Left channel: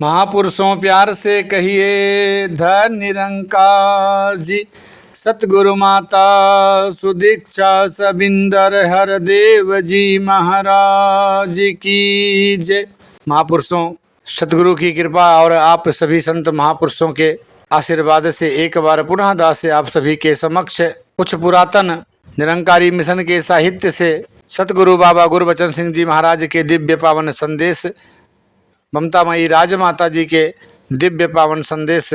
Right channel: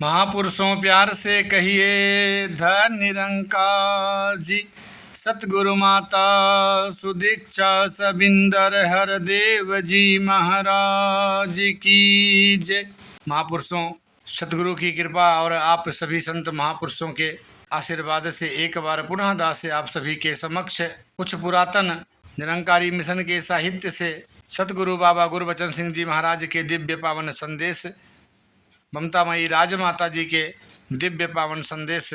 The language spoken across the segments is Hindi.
महापुरुषों प्यार से कहिए धन निरंकार जी। सतगुरु माता सुदीक्षा सबिंदर हरदेव जी महाराज की जय। महापुरुषों, सतगुरु की कृपा और आप सभी संत महापुरुषों के आशीर्वाद से एक बार पुनः दास से आप सभी के समक्ष कुछ पुरातन निरंकारी मिशन के साहित्य से सतगुरु बाबा गुरबचन सिंह जी महाराज के दिव्य पावन संदेश, ममतामयी राजमाता जी के दिव्य पावन संदेश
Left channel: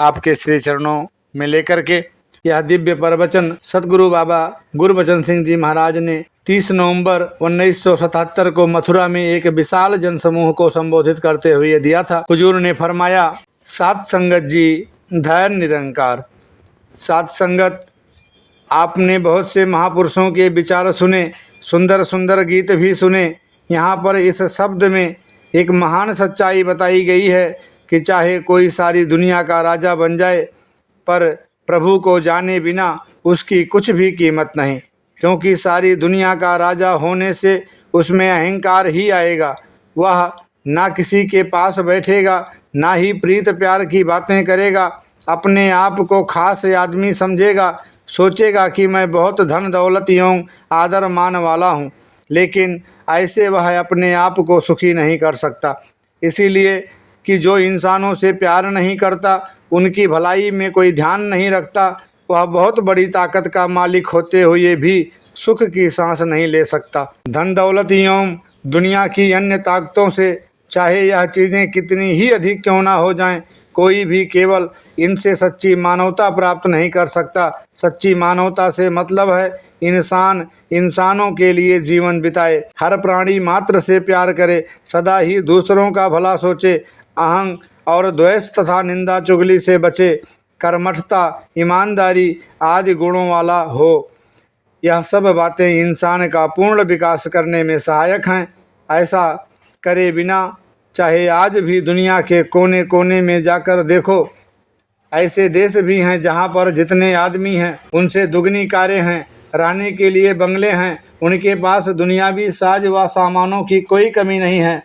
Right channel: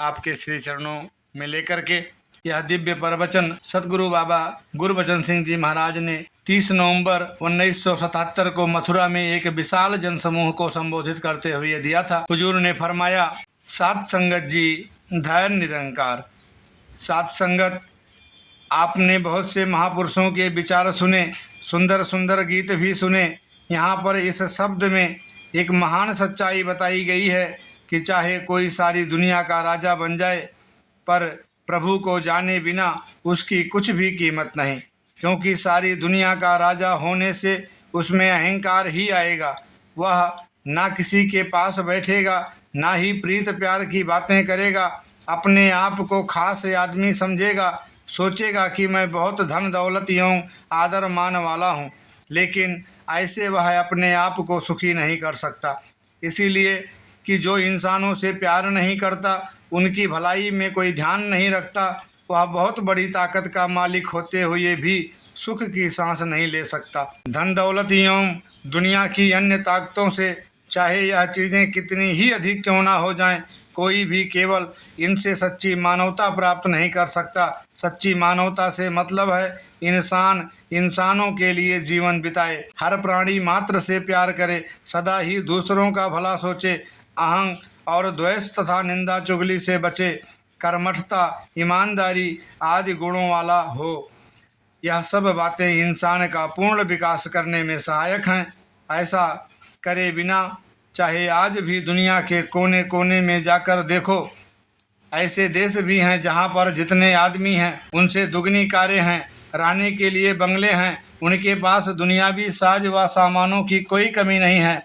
आपके श्री चरणों में लेकर के यह दिव्य प्रवचन सतगुरु बाबा गुरबचन सिंह जी महाराज ने 30 नवंबर 1977 को मथुरा में एक विशाल जनसमूह को संबोधित करते हुए दिया था। हुजूर ने फरमाया, सात संगत जी धैर्य निरंकार। सात संगत, आपने बहुत से महापुरुषों के विचार सुने, सुंदर सुंदर गीत भी सुने। यहाँ पर इस शब्द में एक महान सच्चाई बताई गई है कि चाहे कोई सारी दुनिया का राजा बन जाए, पर प्रभु को जाने बिना उसकी कुछ भी कीमत नहीं, क्योंकि सारी दुनिया का राजा होने से उसमें अहंकार ही आएगा। वह ना किसी के पास बैठेगा, ना ही प्रीत प्यार की बातें करेगा, अपने आप को खास आदमी समझेगा, सोचेगा कि मैं बहुत धन दौलत एवं आदर मान वाला हूँ, लेकिन ऐसे वह अपने आप को सुखी नहीं कर सकता। इसीलिए कि जो इंसानों से प्यार नहीं करता, उनकी भलाई में कोई ध्यान नहीं रखता, वह बहुत बड़ी ताकत का मालिक होते हुए भी सुख की सांस नहीं ले सकता। धन दौलत एवं दुनिया की अन्य ताकतों से चाहे यह चीज़ें कितनी ही अधिक क्यों ना हो जाएं, कोई भी केवल इनसे सच्ची मानवता प्राप्त नहीं कर सकता। सच्ची मानवता से मतलब है इंसान इंसानों के लिए जीवन बिताए, हर प्राणी मात्र से प्यार करे, सदा ही दूसरों का भला सोचे, अहंग और द्वेष तथा निंदा चुगली से बचे, कर्मठता, ईमानदारी आदि गुणों वाला हो। यह सब बातें इंसान का पूर्ण विकास करने में सहायक हैं। ऐसा करे बिना चाहे आज भी दुनिया के कोने कोने में जाकर देखो, ऐसे देश भी हैं जहाँ पर जितने आदमी हैं उनसे दुगनी कारें हैं, रहने के लिए बंगले हैं, उनके पास दुनियावी साज व सामानों की कोई कमी नहीं है,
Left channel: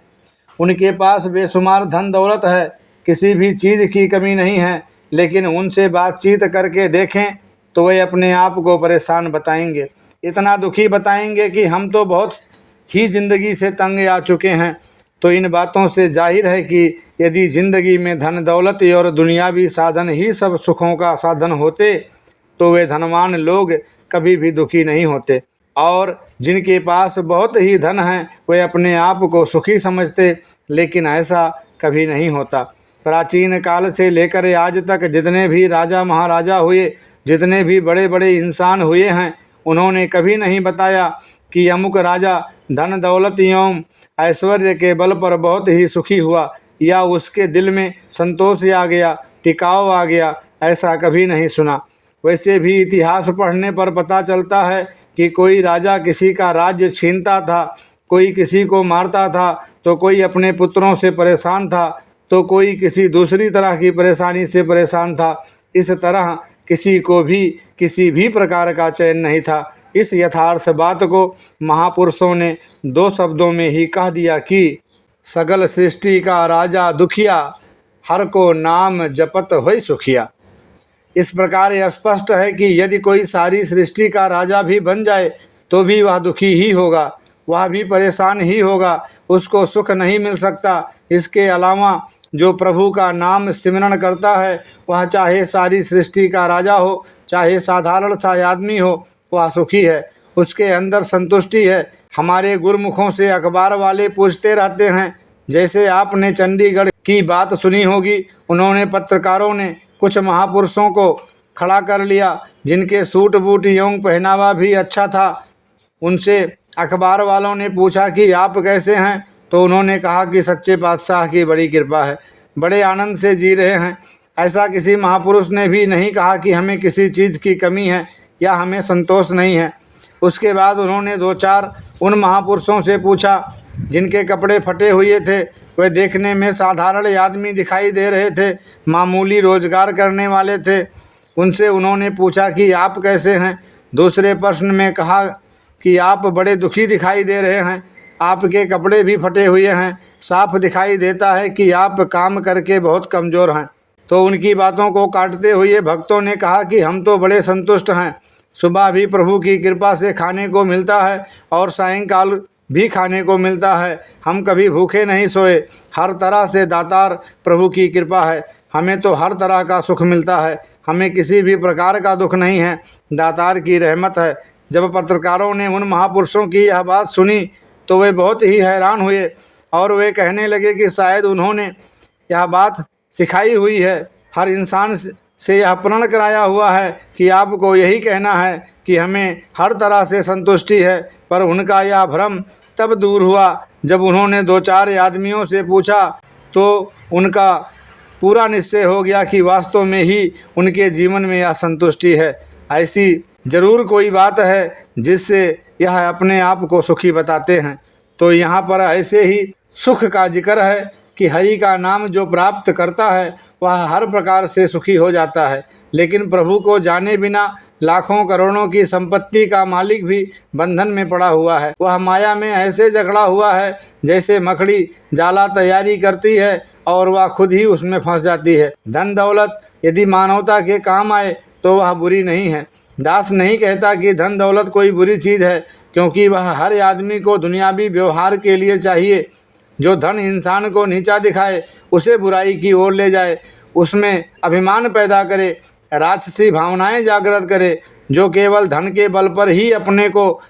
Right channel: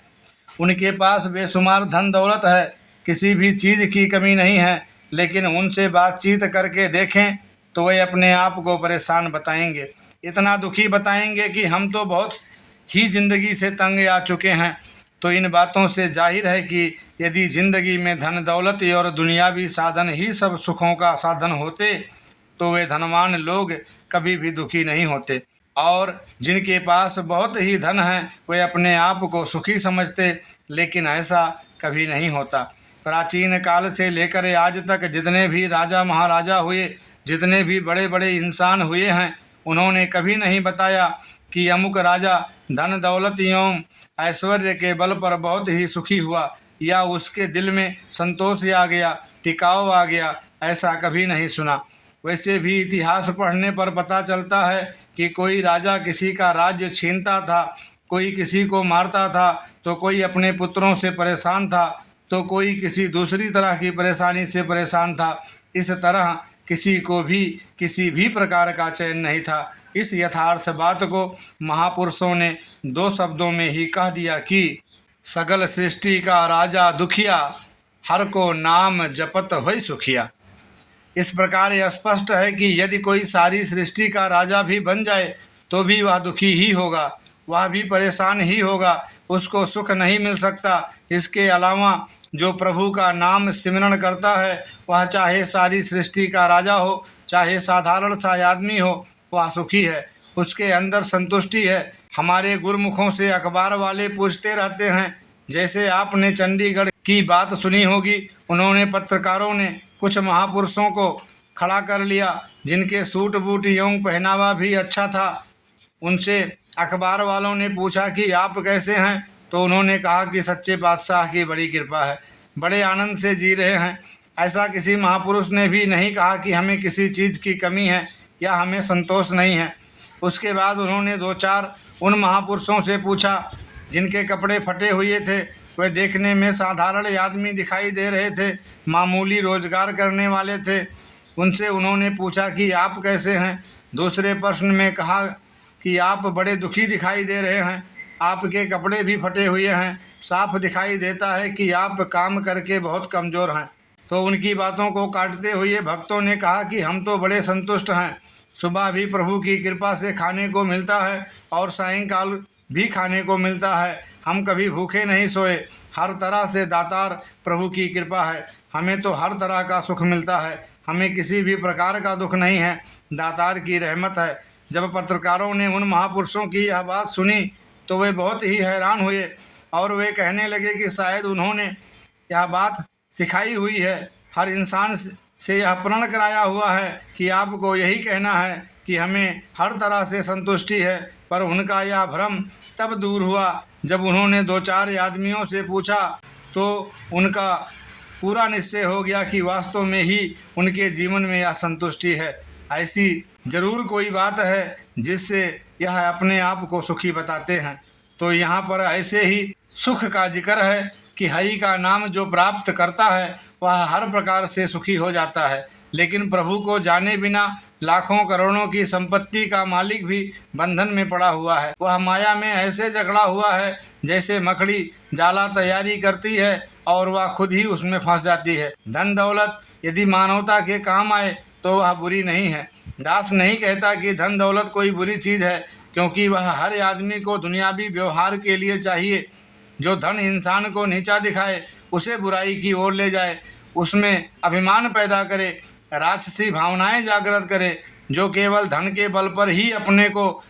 उनके पास बेशुमार धन दौलत है, किसी भी चीज़ की कमी नहीं है, लेकिन उनसे बातचीत करके देखें तो वे अपने आप को परेशान बताएंगे, इतना दुखी बताएंगे कि हम तो बहुत ही ज़िंदगी से तंग आ चुके हैं। तो इन बातों से जाहिर है कि यदि ज़िंदगी में धन दौलत और दुनियावी साधन ही सब सुखों का साधन होते तो वे धनवान लोग कभी भी दुखी नहीं होते, और जिनके पास बहुत ही धन है वे अपने आप को सुखी समझते, लेकिन ऐसा कभी नहीं होता। प्राचीन काल से लेकर आज तक जितने भी राजा महाराजा हुए, जितने भी बड़े बड़े इंसान हुए हैं, उन्होंने कभी नहीं बताया कि अमुक राजा धन दौलत एवं ऐश्वर्य के बल पर बहुत ही सुखी हुआ, या उसके दिल में संतोष आ गया, टिकाव आ गया, ऐसा कभी नहीं सुना। वैसे भी इतिहास पढ़ने पर पता चलता है कि कोई राजा किसी का राज्य छीनता था, कोई किसी को मारता था, तो कोई अपने पुत्रों से परेशान था, तो कोई किसी दूसरी तरह की परेशानी से परेशान था। इस तरह किसी को भी किसी भी प्रकार का चैन नहीं था। इस यथार्थ बात को महापुरुषों ने 2 शब्दों में ही कह दिया कि सगल सृष्टि का राजा दुखिया, हर को नाम जपत होय सुखिया। इस प्रकार यह स्पष्ट है कि यदि कोई सारी सृष्टि का राजा भी बन जाए तो भी वह दुखी ही होगा, वह भी परेशान ही होगा, उसको सुख नहीं मिल सकता। इसके अलावा जो प्रभु का नाम सिमरण करता है, वह चाहे सारी सृष्टि का राजा हो, चाहे साधारण सा आदमी हो, वह सुखी है, उसके अंदर संतुष्टि है। हमारे गुरुमुखों से अखबार वाले पूछते रहते हैं, जैसे आपने चंडीगढ़ की बात सुनी होगी, उन्होंने पत्रकारों ने कुछ महापुरुषों को खड़ा कर लिया जिनके सूट बूट एवं पहनावा भी अच्छा था। उनसे अखबार वालों ने पूछा कि आप कैसे हैं, तो उन्होंने कहा कि सच्चे पातशाह की बड़ी कृपा है, बड़े आनंद से जी रहे हैं। ऐसा किसी महापुरुष ने भी नहीं कहा कि हमें किसी चीज़ की कमी है या हमें संतोष नहीं है। उसके बाद उन्होंने 2-4 उन महापुरुषों से पूछा जिनके कपड़े फटे हुए थे, वे देखने में साधारण आदमी दिखाई दे रहे थे, मामूली रोजगार करने वाले थे। उनसे उन्होंने पूछा कि आप कैसे हैं। दूसरे प्रश्न में कहा कि आप बड़े दुखी दिखाई दे रहे हैं, आपके कपड़े भी फटे हुए हैं, साफ दिखाई देता है कि आप काम करके बहुत कमज़ोर हैं। तो उनकी बातों को काटते हुए भक्तों ने कहा कि हम तो बड़े संतुष्ट हैं। सुबह भी प्रभु की कृपा से खाने को मिलता है और सायंकाल भी खाने को मिलता है। हम कभी भूखे नहीं सोए। हर तरह से दातार प्रभु की कृपा है। हमें तो हर तरह का सुख मिलता है। हमें किसी भी प्रकार का दुख नहीं है। दातार की रहमत है। जब पत्रकारों ने उन महापुरुषों की यह बात सुनी तो वे बहुत ही हैरान हुए और वे कहने लगे कि शायद उन्होंने यह बात सिखाई हुई है। हर इंसान से यह प्रण कराया हुआ है कि आपको यही कहना है कि हमें हर तरह से संतुष्टि है। पर उनका यह भ्रम तब दूर हुआ जब उन्होंने 2-4 आदमियों से पूछा तो उनका पूरा निश्चय हो गया कि वास्तव में ही उनके जीवन में यह संतुष्टि है। ऐसी जरूर कोई बात है जिससे यह अपने आप को सुखी बताते हैं। तो यहाँ पर ऐसे ही सुख का जिक्र है कि हरि का नाम जो प्राप्त करता है वह हर प्रकार से सुखी हो जाता है। लेकिन प्रभु को जाने बिना लाखों करोड़ों की संपत्ति का मालिक भी बंधन में पड़ा हुआ है। वह माया में ऐसे जकड़ा हुआ है जैसे मकड़ी जाला तैयारी करती है और वह खुद ही उसमें फंस जाती है। धन दौलत यदि मानवता के काम आए तो वह बुरी नहीं है। दास नहीं कहता कि धन दौलत कोई बुरी चीज़ है, क्योंकि वह हर आदमी को दुनियावी व्यवहार के लिए चाहिए। जो धन इंसान को नीचा दिखाए, उसे बुराई की ओर ले जाए, उसमें अभिमान पैदा करे, राजसी भावनाएं जागृत करे, जो केवल धन के बल पर ही अपने को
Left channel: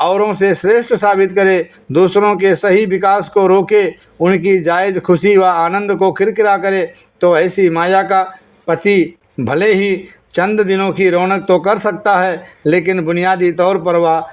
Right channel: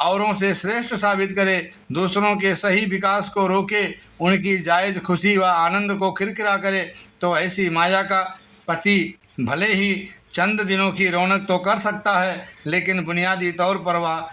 औरों से श्रेष्ठ साबित करे, दूसरों के सही विकास को रोके, उनकी जायज़ खुशी व आनंद को किरकिरा करे, तो ऐसी माया का पति भले ही चंद दिनों की रौनक तो कर सकता है, लेकिन बुनियादी तौर पर वह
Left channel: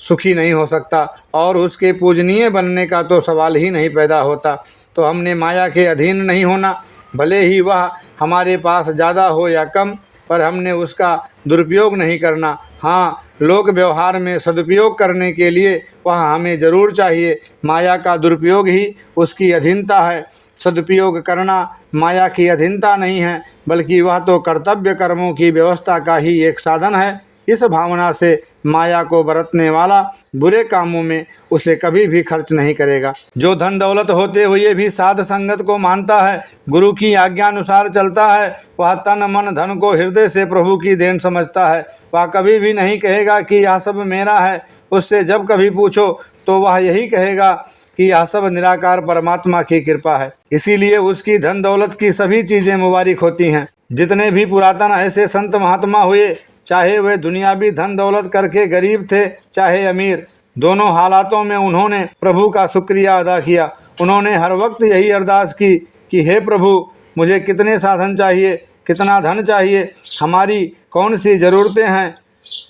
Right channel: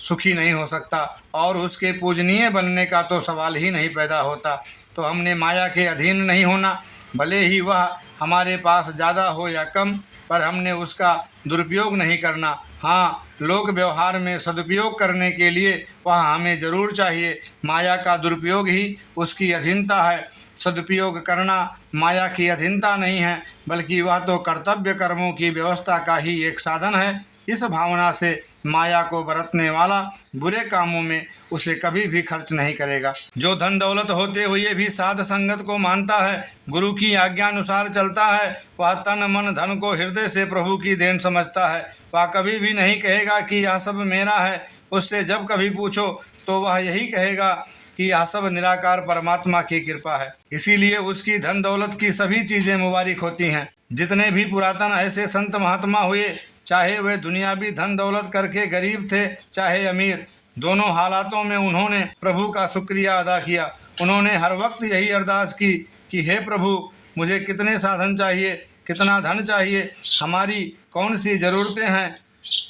सुखी नहीं हो सकता और उसके पूजनीय बनने का तो सवाल ही नहीं पैदा होता। तो हमने माया के अधीन नहीं होना। भले ही वह हमारे पास ज़्यादा हो या कम, पर हमने उसका दुरुपयोग नहीं करना। हाँ, लोक व्यवहार में सदुपयोग करने के लिए वह हमें ज़रूर चाहिए। माया का दुरुपयोग ही उसकी अधीनता है। सदुपयोग करना माया की अधीनता नहीं है, बल्कि वह तो कर्तव्य कर्मों की व्यवस्था का ही एक साधन है। इस भावना से माया को बरतने वाला बुरे कामों में उसे कभी भी खर्च नहीं करेगा। जो धन दौलत होते हुए भी साध संगत को मानता है, गुरु की आज्ञा अनुसार चलता है, वह तन मन धन को हृदय से प्रभु की देन समझता है। वह कभी भी नहीं कहेगा कि यह सब मेरा है। उससे जब कभी पूछो तो वह यही कहेगा कि यह सब निराकार परमात्मा की कृपा है। इसीलिए उसकी धन दौलत की सभी चीज़ें मुबारक होती हैं। जितने भी पुरातन ऐसे संत महात्मा हुए, चाहे वे दुनियावी धन दौलत करके गरीब थे चाहे अमीर, दोनों हालातों में उन्होंने प्रभु का शुक्रिया अदा किया। उन्होंने हर वक्त यही अरदास की कि हे प्रभु, मुझे कितने साधन चाहिए, कितना धन चाहिए, हमारी कौन सी ज़रूरतें हैं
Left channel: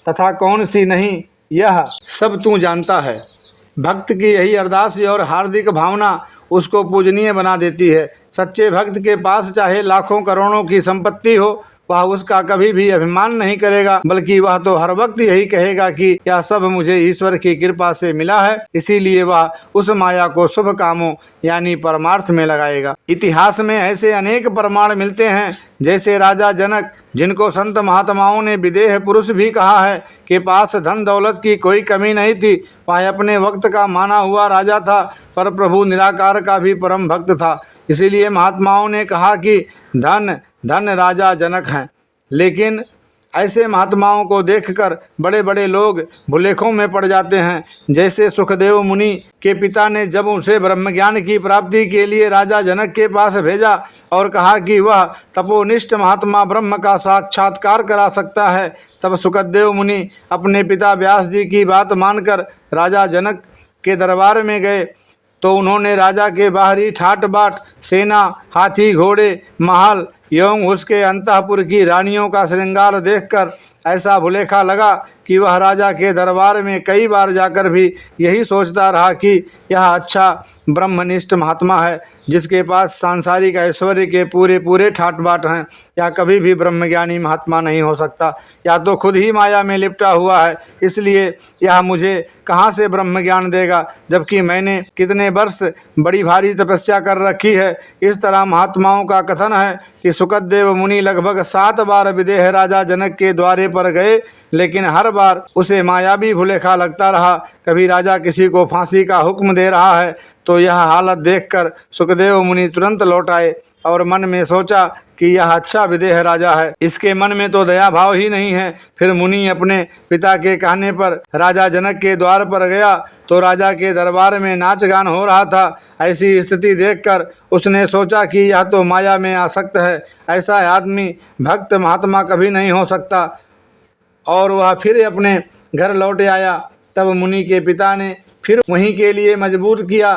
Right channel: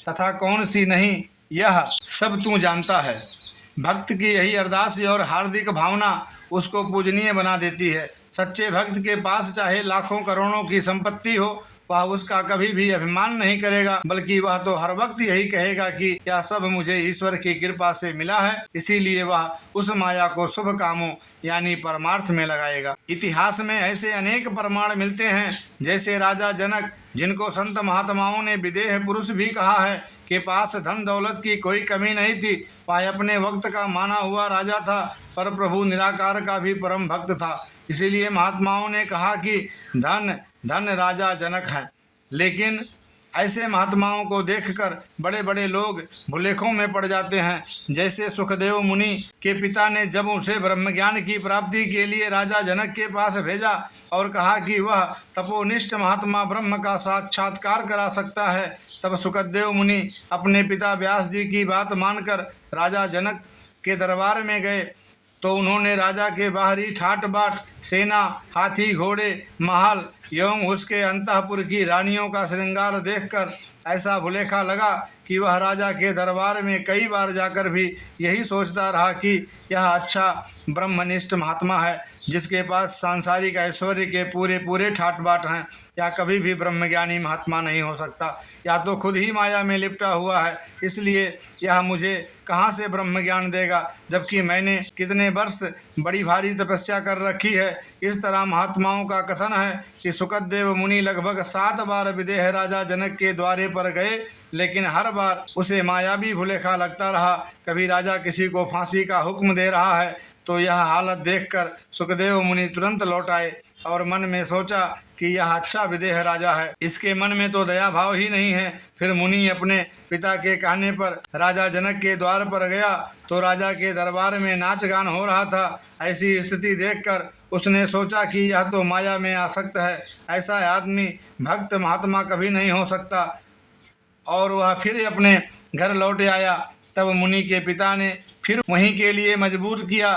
तथा कौन सी नहीं, यह सब तू जानता है। भक्त की यही अरदास और हार्दिक भावना उसको पूजनीय बना देती है। सच्चे भक्त के पास चाहे लाखों करोड़ों की संपत्ति हो, वह उसका कभी भी अभिमान नहीं करेगा, बल्कि वह तो हर वक्त यही कहेगा कि यह सब मुझे ईश्वर की कृपा से मिला है। इसीलिए वह उस माया को शुभ कामों यानी परमार्थ में लगाएगा। इतिहास में ऐसे अनेक प्रमाण मिलते हैं, जैसे राजा जनक, जिनको संत महात्माओं ने विदेह पुरुष भी कहा है, के पास धन दौलत की कोई कमी नहीं थी। वह अपने वक्त का माना हुआ राजा था, पर प्रभु निराकार का भी परम भक्त था। इसीलिए महात्माओं ने कहा कि धन धन राजा जनक हैं। लेकिन ऐसे महात्माओं को देखकर बड़े बड़े लोग भुलेखों में पड़ जाते हैं। जैसे सुखदेव मुनि के पिता ने जब उसे ब्रह्मज्ञान की प्राप्ति के लिए राजा जनक के पास भेजा और कहा कि वह तपोनिष्ठ महात्मा ब्रह्म का साक्षात्कार करा सकता है, तब सुखदेव मुनि अपने पिता व्यास जी की बात मानकर राजा जनक के दरबार में गए। तो उन्होंने राजा के बाहरी ठाट बाट, सेना, हाथी घोड़े, महल एवं उसके अंतःपुर की रानियों का श्रृंगार देखकर ऐसा भुलेखा लगा कि वह राजा के दरबार में कई बार जाकर भी यही सोचता रहा कि यह अच्छा ब्रह्मनिष्ठ महात्मा है, जिसके पास सांसारिक ऐश्वर्य के पूरे पूरे ठाट बाट हैं। या कभी भी ब्रह्मज्ञानी महात्मा नहीं हो सकता, या तो खुद ही माया में लिपटा हुआ है। इसलिए यह मुझे कहाँ से ब्रह्म ज्ञान देगा, जबकि मैंने कितने वर्ष बड़ी भारी तपस्या कर रखी है। इस तरह महात्माओं का कथन है कि सुखदेव मुनि लगभग 7 बार विदेह राजा जनक के द्वारे पर गए, लेकिन हर बार उसे मायावी भुलेखा लगता रहा। कभी राजा किसी को फांसी का हुक्म दे रहा है, तो यह हालत देखकर सुखदेव मुनि तुरंत लौट आए और मन में सोचा कि यह अच्छा विदेह राजा है, इसके मन में तो दया भाव ही नहीं है। फिर मुनि अपने पिता के कहने पर राजा जनक के द्वार पर गया तो राजा के दरबार में नाच गान हो रहा था। ऐसी स्थिति देखकर उसने सोचा कि यह तो माया में आसक्त है, ऐसा आदमी भक्त महात्मा कभी नहीं हो सकता। और वह फिर अपने घर लौट आया। तब मुनि के पिता ने फिर वहीं के लिए मजबूर किया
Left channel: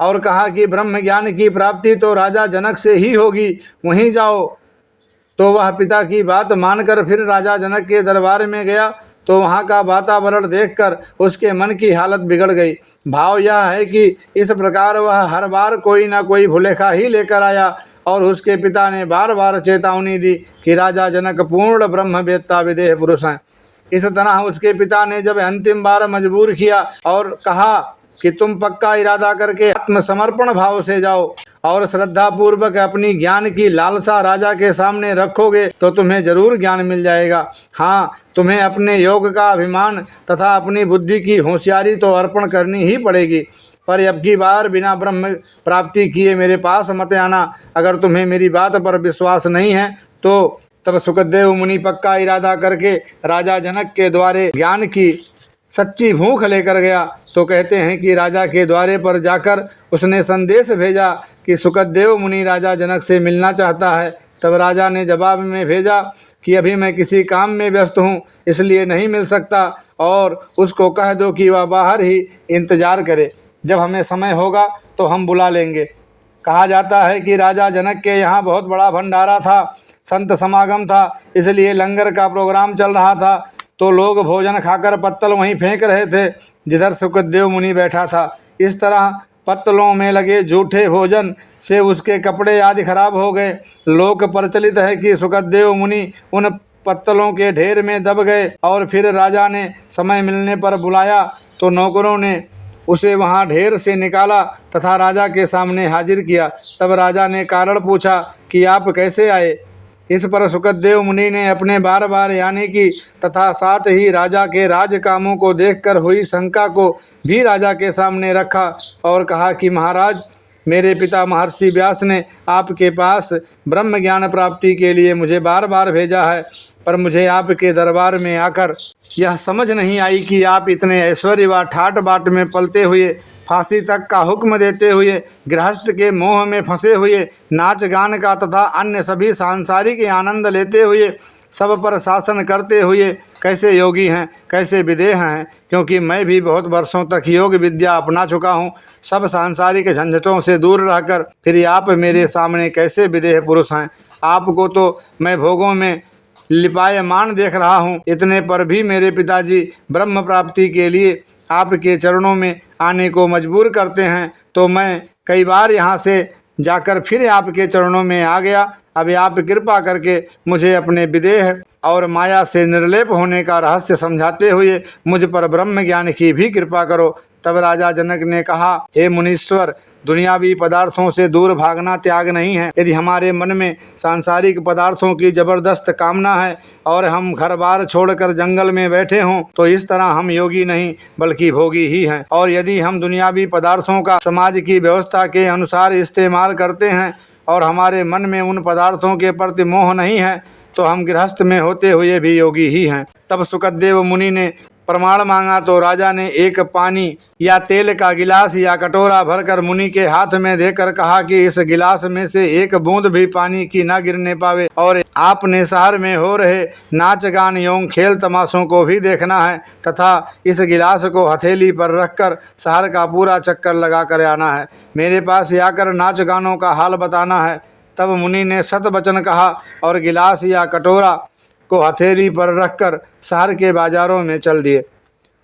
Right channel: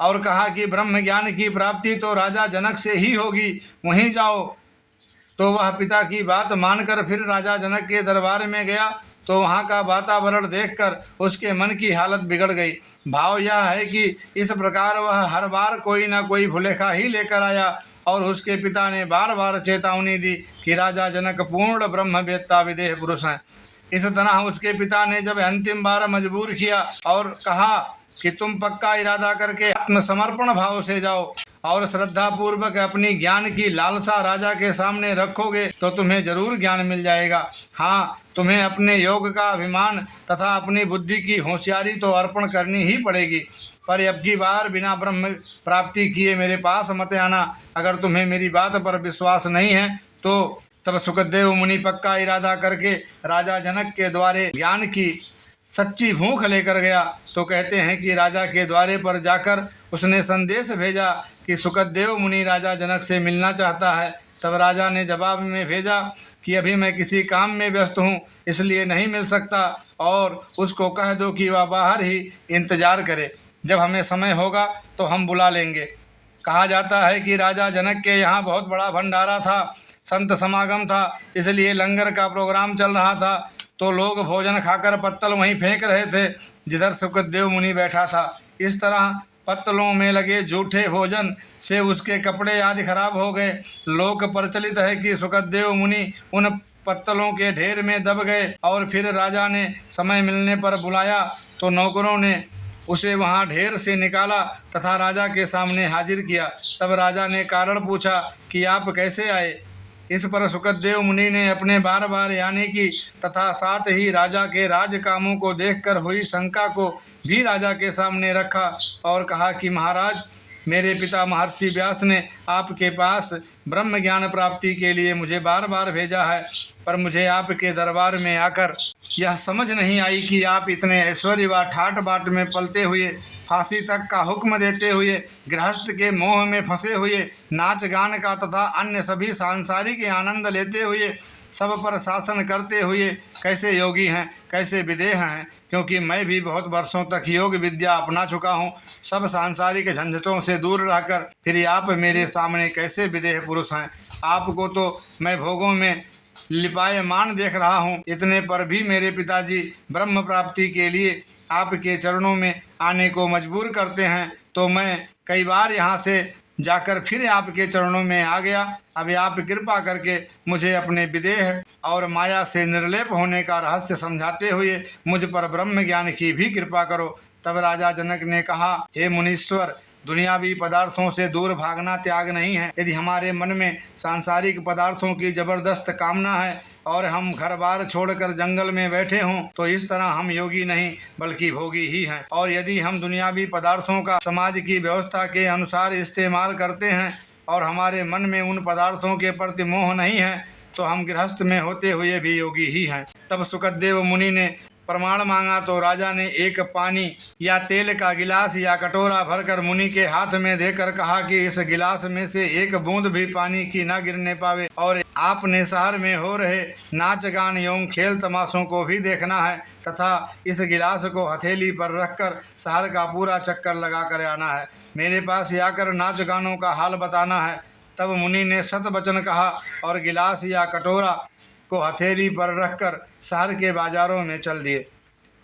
और कहा कि ब्रह्म ज्ञान की प्राप्ति तो राजा जनक से ही होगी, वहीं जाओ। तो वह पिता की बात मानकर फिर राजा जनक के दरबार में गया तो वहाँ का वातावरण देखकर उसके मन की हालत बिगड़ गई। भाव यह है कि इस प्रकार वह हर बार कोई ना कोई भुलेखा ही लेकर आया और उसके पिता ने बार बार चेतावनी दी कि राजा जनक पूर्ण ब्रह्मवेत्ता विदेह पुरुष हैं। इस तरह उसके पिता ने जब अंतिम बार मजबूर किया और कहा कि तुम पक्का इरादा करके आत्मसमर्पण भाव से जाओ और श्रद्धा पूर्वक अपनी ज्ञान की लालसा राजा के सामने रखोगे तो तुम्हें जरूर ज्ञान मिल जाएगा। हाँ, तुम्हें अपने योग का अभिमान तथा अपनी बुद्धि की होशियारी तो अर्पण करनी ही पड़ेगी, पर अब की बार बिना ब्रह्म प्राप्ति किए मेरे पास मत आना। अगर तुम्हें मेरी बात पर विश्वास नहीं है तो तब सुखदेव मुनि पक्का इरादा करके राजा जनक के द्वारे ज्ञान की सच्ची भूख लेकर गया। तो कहते हैं कि राजा के द्वारे पर जाकर उसने संदेश भेजा कि सुखदेव मुनि राजा जनक से मिलना चाहता है। तब राजा ने जवाब में भेजा कि अभी मैं किसी काम में व्यस्त हूँ, इसलिए नहीं मिल सकता, और उसको कह दो कि वह बाहर ही इंतजार करे, जब हमें समय होगा तो हम बुला लेंगे। कहा जाता है कि राजा जनक के यहाँ बहुत बड़ा भंडारा था, संत समागम था, इसलिए लंगर का प्रोग्राम चल रहा था। तो लोग भोजन खाकर पत्तल वहीं फेंक रहे थे जिधर सुखदेव मुनि बैठा था। इस तरह पत्तलों में लगे जूठे भोजन से उसके कपड़े आदि खराब हो गए। लोक प्रचलित है कि सुखदेव मुनि उन पत्तलों के ढेर में दब गए और फिर राजा ने समय मिलने पर बुलाया तो नौकरों ने उसे वहां ढेर से निकाला तथा राजा के सामने हाजिर किया। तब राजा ने कारण पूछा कि आप कैसे आए। इस पर सुखदेव मुनि ने अपने बार बार आने की तथा साथ ही राजा के राज कामों को देखकर हुई शंका को भी राजा के सामने रखा और कहा कि महाराज, मेरे पिता महर्षि व्यास ने आपके पास ब्रह्म ज्ञान प्राप्ति के लिए मुझे बार बार भेजा है, पर मुझे आपके दरबार में आकर यह समझ नहीं आई कि आप इतने ऐश्वर्य व ठाट बाट में पलते हुए, फांसी तक का हुक्म देते हुए, गृहस्थ के मोह में फंसे हुए, नाच गान का तथा अन्य सभी सांसारिक आनंद लेते हुए, सब पर शासन करते हुए कैसे योगी हैं, कैसे विदेह हैं। क्योंकि मैं भी बहुत वर्षों तक योग विद्या अपना चुका हूँ, सब सांसारिक झंझटों से दूर रहकर फिर आप मेरे सामने कैसे विदेह पुरुष हैं। आपको तो मैं भोगों में लिपायमान देख रहा हूँ, इतने पर भी मेरे पिताजी ब्रह्म प्राप्ति के लिए आपके चरणों में आने को मजबूर करते हैं। तो मैं कई बार यहाँ से जाकर फिर आपके चरणों में आ गया। अब आप कृपा करके मुझे अपने विदेह और माया से निर्लेप होने का रहस्य समझाते हुए मुझ पर ब्रह्म ज्ञान की भी कृपा करो। तब राजा जनक ने कहा, हे मुनीश्वर, दुनियावी पदार्थों से दूर भागना त्याग नहीं है। यदि हमारे मन में सांसारिक पदार्थों की जबरदस्त कामना है और हम घर बार छोड़कर जंगल में बैठे हों तो इस तरह हम योगी नहीं बल्कि भोगी ही हैं। और यदि हम दुनियावी पदार्थों का समाज की व्यवस्था के अनुसार इस्तेमाल करते हैं और हमारे मन में उन पदार्थों के प्रति मोह नहीं है तो हम गृहस्थ में होते हुए भी योगी ही हैं। तब सुखदेव मुनि ने प्रमाण मांगा तो राजा ने एक पानी या तेल का गिलास या कटोरा भरकर मुनि के हाथ में देकर कहा कि इस गिलास में से एक बूंद भी पानी की न गिरने पावे, और आपने शहर में हो रहे नाच गान एवं खेल तमाशों को भी देखना है तथा इस गिलास को हथेली पर रखकर शहर का पूरा चक्कर लगा कर आना है। मेरे पास आकर नाच गानों का हाल बताना है। तब मुनि ने सत वचन कहा और गिलास या कटोरा को हथेली पर रखकर शहर के बाजारों में चल दिए।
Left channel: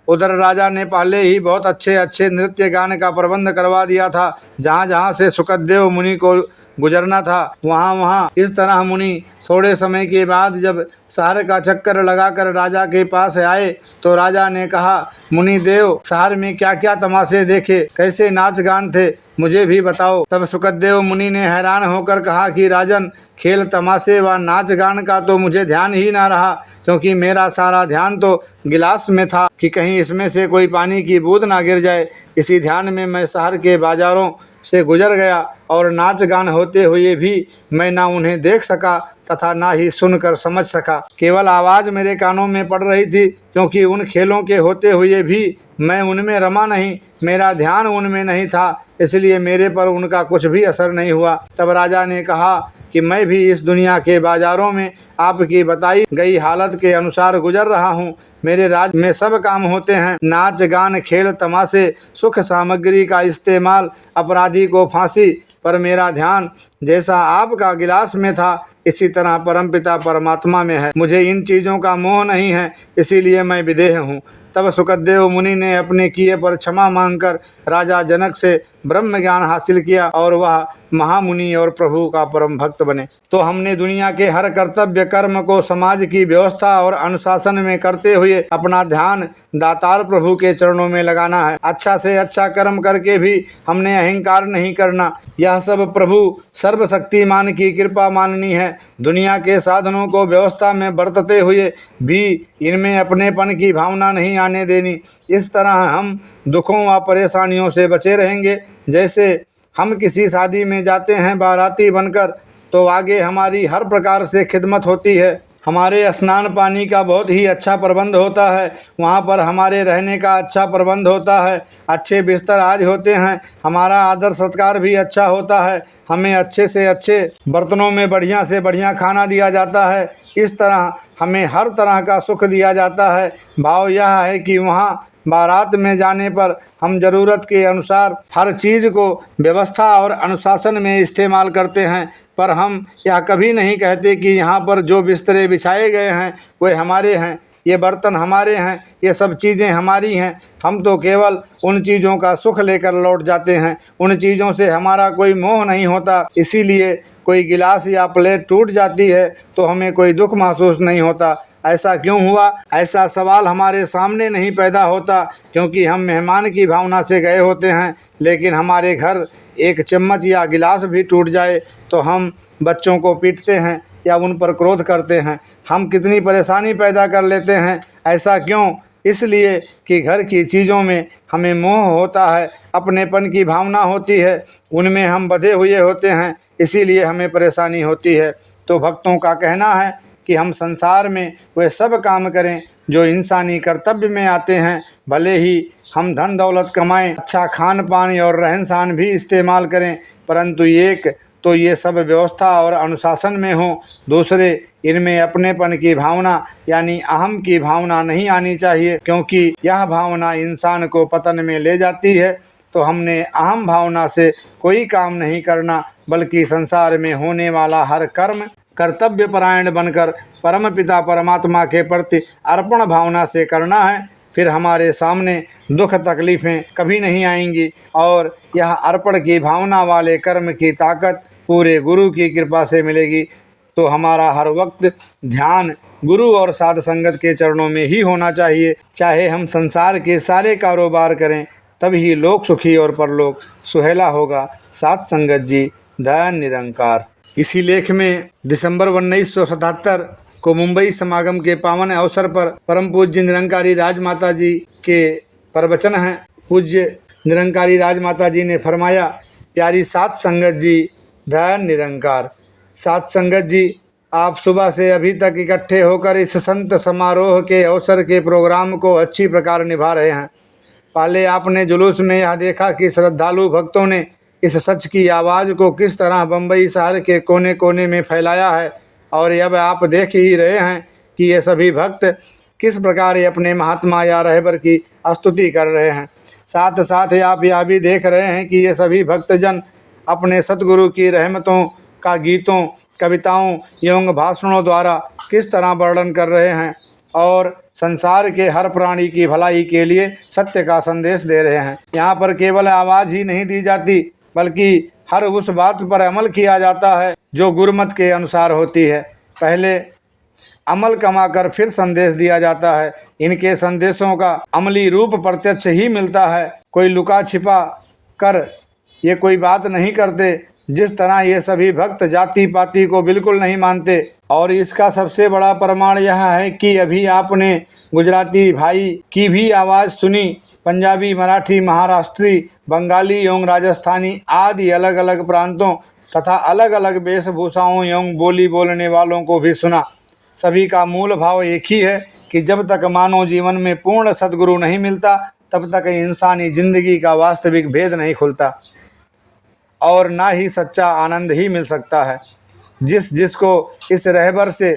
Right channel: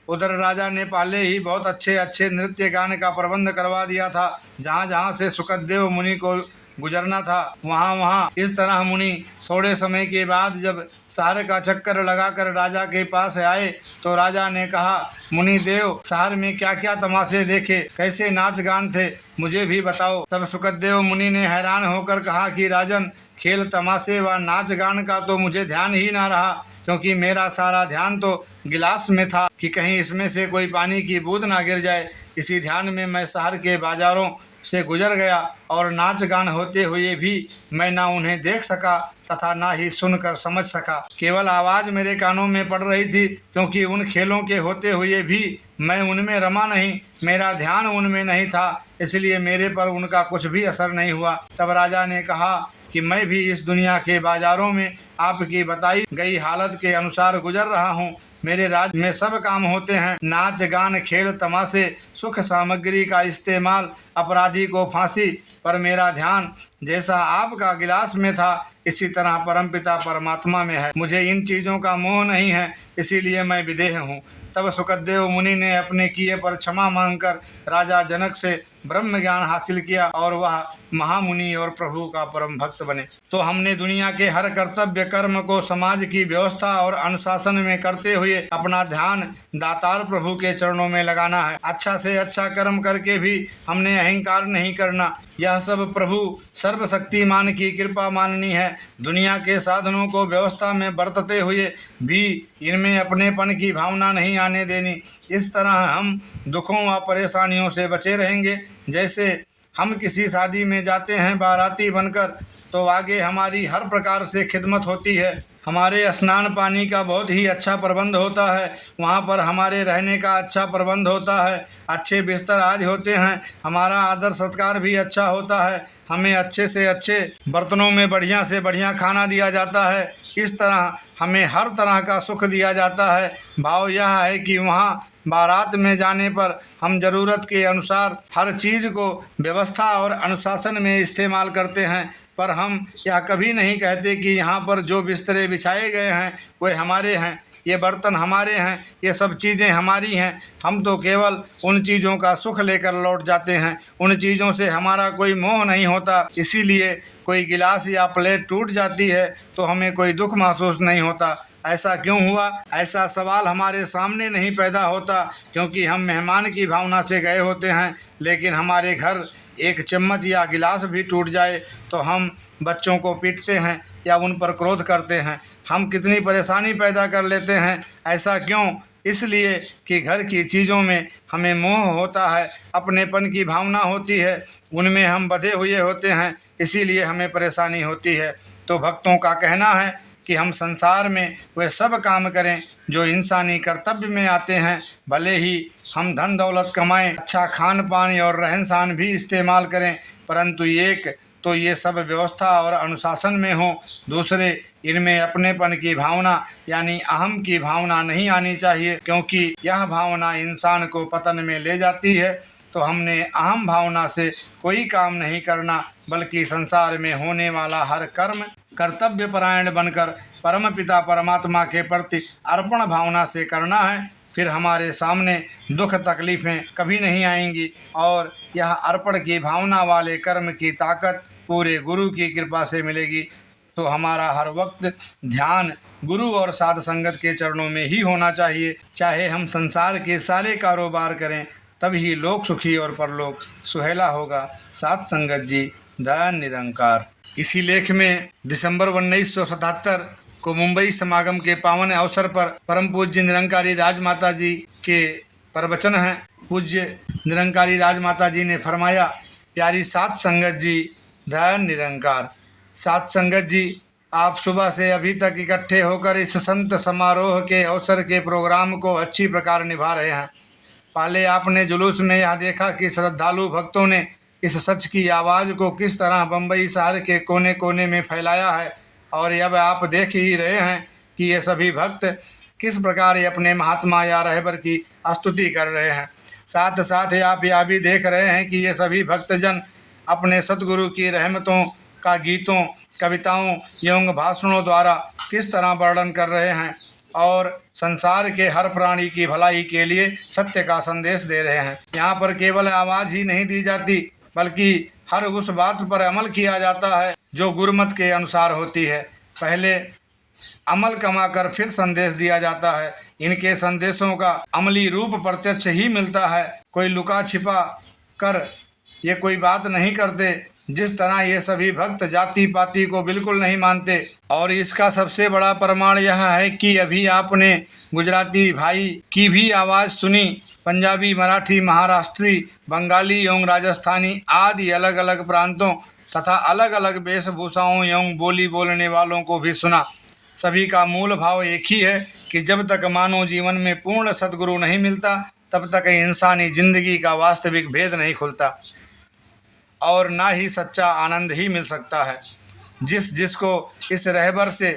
उधर राजा ने पहले ही बहुत अच्छे अच्छे नृत्य गान का प्रबंध करवा दिया था। जहाँ जहाँ से सुखदेव मुनि को गुजरना था वहाँ वहाँ इस तरह मुनि थोड़े समय के बाद जब शहर का चक्कर लगाकर राजा के पास आए तो राजा ने कहा, मुनि देव, शहर में क्या क्या तमाशे देखे, कैसे नाच गान थे, मुझे भी बताओ। तब सुखदेव मुनि ने हैरान होकर कहा कि राजन, खेल तमाशे व नाच गान का तो मुझे ध्यान ही ना रहा। क्योंकि मेरा सारा ध्यान तो गिलास में था कि कहीं इसमें से कोई पानी की बूंद ना गिर जाए। इसी ध्यान में मैं शहर के बाजारों से गुजर गया और नाच गान होते हुए भी मैं ना उन्हें देख सका तथा ना ही सुनकर समझ सका। केवल आवाज़ मेरे कानों में पड़ रही थी, क्योंकि उन खेलों के होते हुए भी मैं उनमें रमा नहीं, मेरा ध्यान उनमें नहीं था, इसलिए मेरे पर उनका कुछ भी असर नहीं हुआ। तब राजा ने कहा कि मैं भी इस दुनिया के बाजारों में आपकी बताई गई हालत के अनुसार गुजर रहा हूँ। मेरे राज्य में सब काम होते हैं, नाच गान खेल तमाशे, सुख सामग्री का इस्तेमाल, अपराधी को फांसी, पर मेरा ध्यान जैसा आपका गिलास में था इसी तरह परमपिता परमात्मा में है। मुझे इन चीज़ों का मोह नहीं है, इसीलिए मैं विदेह हूँ। तब सुखदेव मुनि ने अपने किए पर क्षमा मांगकर राजा जनक से ब्रह्म ज्ञान हासिल किया और वह महामुनि और प्रभु का परम भक्त बने। तो हमने दुनिया के हर कर्तव्य कर्म को समाज की व्यवस्था और अनुशासन में करते हुए अपना ध्यान दातार प्रभु के चरणों में लगाना है। अच्छा से अच्छा कर्म करके भी हमने अहंकार नहीं करना। यह सब प्रभु सर्वशक्तिमान की कृपा माननी है। दुनिया के साधनों को व्यवस्था में बरतते हुए भी इनमें अपनेपन की भावना नहीं आने देनी। इस तरह हम दुखों व परेशानियों से बचे रहेंगे। जैसे हम किसी शादी में जाते हैं बाराती बनकर, तो आगे हमारी हर प्रकार से खिदमत होती है। हमारे स्नान पानी का बहुत ही अच्छा प्रबंध होता है, वहाँ पर हमारे रहने का अच्छा प्रबंध होता है, अच्छे बिस्तर आज होते हैं, हमारा आदर सत्कार भी अच्छा होता है, हमें अच्छे से अच्छे बर्तनों में बढ़िया से बढ़िया खाना दिया जाता है। इस तरह हमें हर तरह का सुख दिया जाता है। भाव यह है कि वहाँ बारात में जाने पर हम ज़रूरत के अनुसार हर चीज़ को व्यवस्था और अनुशासन में इस्तेमाल करते हैं, पर हम यह कभी नहीं कहते कि यहाँ पर जो बिस्तरे बिछाए गए हैं वे हमारे हैं, ये बर्तन हमारे हैं, ये सब चीज़ें हमारी हैं। हम तो केवल उन चीज़ों का सुख लेकर लौट जाते हैं, उन चीज़ों से हमारा कोई मोह नहीं होता। इसीलिए कोई गिलास या प्लेट टूट जाती है तो हमें कोई दुख महसूस नहीं होता। ऐसा क्यों हुआ? ऐसा सवाल हमारे सामने नहीं पैदा होता, क्योंकि हम मेहमान की भावना से गए होते हैं। लेकिन हमारे घर एक चम्मच या गिलास भी टूट जाए तो हम बच्चों को पीटते हैं या उन पर क्रोध करते हैं। हम कितनी परेशानी पैदा कर लेते हैं। ऐसा क्यों? इसलिए कि घर की चीज़ों में हमें मोह होता है, अपनेपन की भावना होती है, उनमें हम बंधे हुए होते हैं, इसीलिए हमें परेशानी होती है। तो भक्तों का कहना है कि हम संसार में वे सब काम करें जो इंसानी कर्तव्य में आते हैं। भले ही हम धन दौलत कमाएं, अच्छा खान पान और रहन सहन भी इस्तेमाल करें, परंतु एक तो ये सब व्यवस्था और अनुशासन में हो, दूसरे इनमें अपनेपन की भावना यानी अहम की भावना नहीं आनी चाहिए, क्योंकि यह भावना इंसान को पतन में ले जाती है। तो हमने अहम भावना से कोई काम नहीं करना, बल्कि संसार में होने वाला हर कर्म कर्तव्य परायण बनकर परम पिता परमात्मा के प्रति अर्पण भावना से करना है। फिर हमारे सामने दुख तकलीफ़ें कभी नहीं आएंगी और यह अर्पण की भावना वाले कर्म की ताकत पूरे गुरु की कृपा से मिलेगी। तो हमारा हर वक्त ध्यान गुरु और साध संगत के चरणों में ही होना चाहिए। चाहे हम संसार के सारे कारोबार करें, तभी लोक सुखी और परलोक सुहेला होगा। साध संगत जी, दयान निरंकार। इसी लेख में दिसंबर 1977 को मुंबई समागम के पावन अवसर पर परम पूज्य निरंकारी राजमाता जी के प्रवचन हैं। पूज्य निरंकारी राजमाता जी ने फरमाया, प्यारी साध संगत जी, दयान निरंकार। साध संगत जी, आप सुबह से अभी तक इकट्ठे होकर इस संत समारोह के अवसर के प्रोग्राम को अच्छी प्रकार निभा रहे हैं। पहले आपने जुलूस में यह देखा कि श्रद्धालु भक्तों ने इस सच की आवाज़ को किस तरह बम्बई शहर के कोने कोने में फैलाया है, और अब आप देख ही रहे हैं कि ये सभी भक्त किस प्रकार अपने महात्मा या रहबर की स्तुति कर रहे हैं। साथ साथ आप यह भी देख रहे हैं कि ये सभी भक्तजन अपने सतगुरु की रहमतों का गीतों, कविताओं एवं भाषणों द्वारा किस तरह वर्णन कर रहे हैं और संसार के हर प्राणी की भलाई के लिए सत्य का संदेश दे रहे हैं। यहाँ पर केवल आवाज़ ही नहीं दी जाती, बल्कि हर उस बात पर अमल किया जाता है जो गुरुमत के अनुसार होती है। पहले अमल कमाकर फिर संदेश दिया जाता है। इनके संदेशों का अमली रूप प्रत्यक्ष ही मिलता है। कोई लुका छिपा कर ये कोई बात नहीं करते, जिस तरह ये सभी भक्त जाति पाति को बिल्कुल नहीं मानते। और इसका सबसे बड़ा प्रमाण यह है कि अभी आपने गुजराती भाई की भी आवाज़ सुनी, पंजाबी, मराठी, महाराष्ट्री, बंगाली एवं राजस्थानी आदि अलग अलग प्रांतों तथा अलग अलग वेशभूषाओं एवं बोली बोलने वालों को भी सुना। सभी का मूल भाव एक ही है कि जब तक मानव जीवन में पूर्ण सद्गुरु नहीं मिलता तब तक इंसानी जिंदगी का वास्तविक भेद नहीं खुलता और ना ही सच्चा आनंद ही मिल सकता है। जिसको इस रहबर से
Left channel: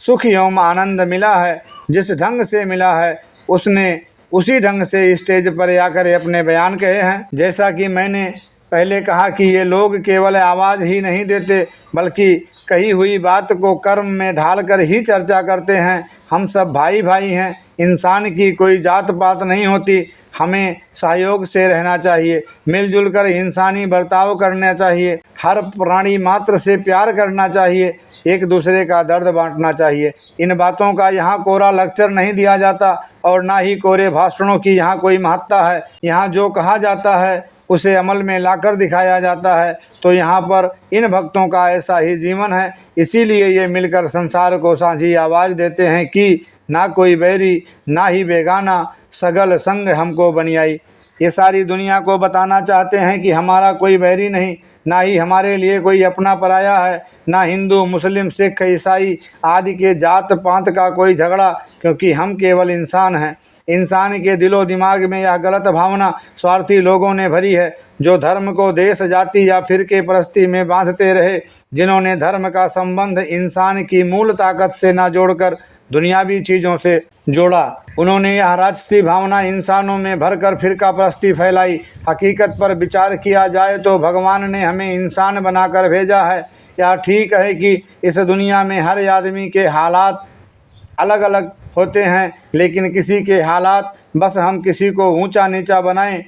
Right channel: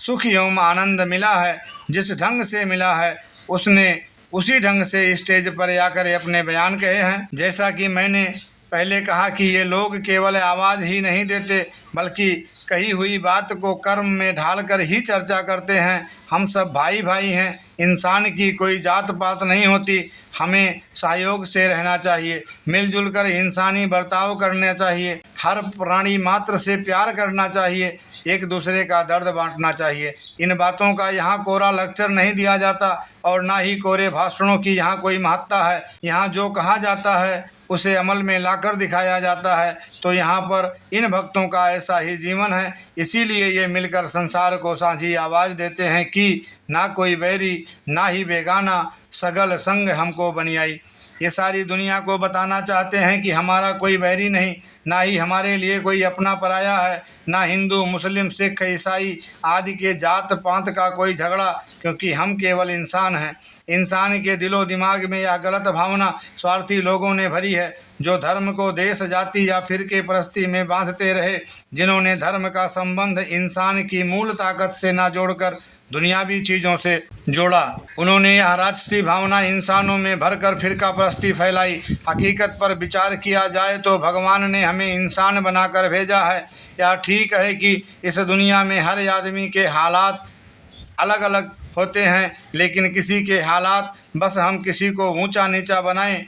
सुख एवं आनंद मिला है, जिस ढंग से मिला है, उसने उसी ढंग से स्टेज पर आकर अपने बयान कहे हैं। जैसा कि मैंने पहले कहा कि ये लोग केवल आवाज़ ही नहीं देते बल्कि कही हुई बात को कर्म में ढालकर ही चर्चा करते हैं। हम सब भाई भाई हैं, इंसान की कोई जात पात नहीं होती। हमें सहयोग से रहना चाहिए, मिलजुल कर इंसानी बर्ताव करना चाहिए, हर प्राणी मात्र से प्यार करना चाहिए, एक दूसरे का दर्द बांटना चाहिए। इन बातों का यहाँ कोरा लेक्चर नहीं दिया जाता और ना ही कोरे भाषणों की यहाँ कोई महत्ता है। यहाँ जो कहा जाता है उसे अमल में लाकर दिखाया जाता है। तो यहाँ पर इन भक्तों का ऐसा ही जीवन है। इसीलिए ये मिलकर संसार को साझी आवाज़ देते हैं कि ना कोई बैरी ना ही बेगाना, सगल संग हमको बनियाई। ये सारी दुनिया को बताना चाहते हैं कि हमारा कोई बैरी नहीं, ना ही हमारे लिए कोई अपना पराया है, ना हिंदू मुस्लिम सिख ईसाई आदि के जात पात का कोई झगड़ा, क्योंकि हम केवल इंसान हैं। इंसान के दिलो दिमाग में यह गलत भावना स्वार्थी लोगों ने भरी है, जो धर्म को देश जाति या फिरके परस्ती में बांधते रहे, जिन्होंने धर्म का संबंध इंसान की मूल ताकत से ना जोड़कर दुनियावी चीज़ों से जोड़ा। उन्होंने यह राजसी भावना इंसानों में भरकर फिरका परस्ती फैलाई। हकीकत पर विचार किया जाए तो भगवान ने हमें इंसान बनाकर भेजा है। यह ठीक है कि इस दुनिया में हर आदमी के हालात अलग अलग होते हैं, लेकिन किसी के हालात बस हम किसी को ऊंचा नीचा बनाएं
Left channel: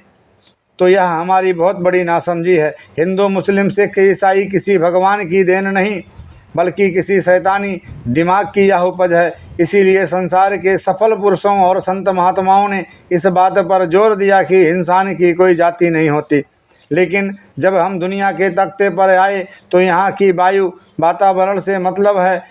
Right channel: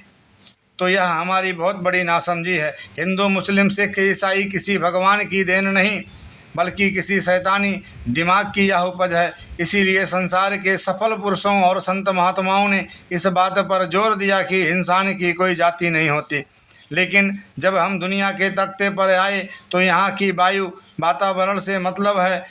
तो यह हमारी बहुत बड़ी नासमझी है। हिंदू मुस्लिम सिख ईसाई किसी भगवान की देन नहीं बल्कि किसी शैतानी दिमाग की यह उपज है। इसीलिए संसार के सफल पुरुषों और संत महात्माओं ने इस बात पर जोर दिया कि इंसान की कोई जाति नहीं होती। लेकिन जब हम दुनिया के तख्ते पर आए तो यहाँ की वायु वातावरण से मतलब है।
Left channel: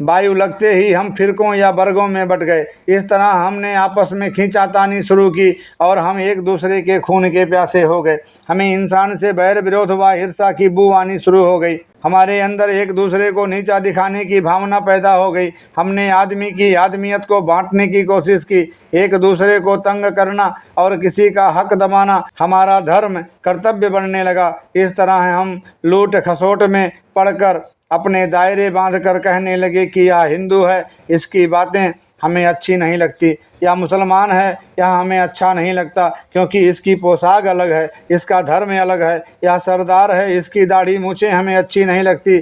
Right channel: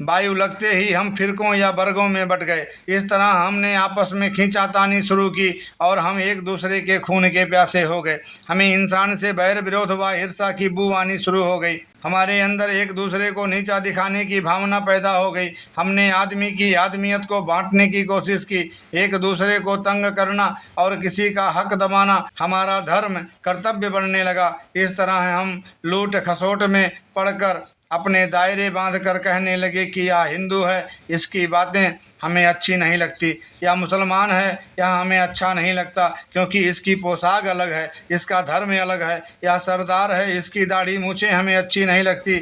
वायु लगते ही हम फिरकों या वर्गों में बट गए। इस तरह हमने आपस में खींचातानी शुरू की और हम एक दूसरे के खून के प्यासे हो गए। हमें इंसान से बैर विरोध व ईर्षा की बू आनी शुरू हो गई। हमारे अंदर एक दूसरे को नीचा दिखाने की भावना पैदा हो गई। हमने आदमी की आदमियत को बांटने की कोशिश की, एक दूसरे को तंग करना और किसी का हक दबाना हमारा धर्म कर्तव्य बनने लगा। इस तरह हम लूट खसोट में पड़कर अपने दायरे बांधकर कहने लगे कि यह हिंदू है, इसकी बातें हमें अच्छी नहीं लगती, या मुसलमान है, यह हमें अच्छा नहीं लगता क्योंकि इसकी पोशाक अलग है, इसका धर्म अलग है, यह सरदार है, इसकी दाढ़ी मूछें हमें अच्छी नहीं लगती,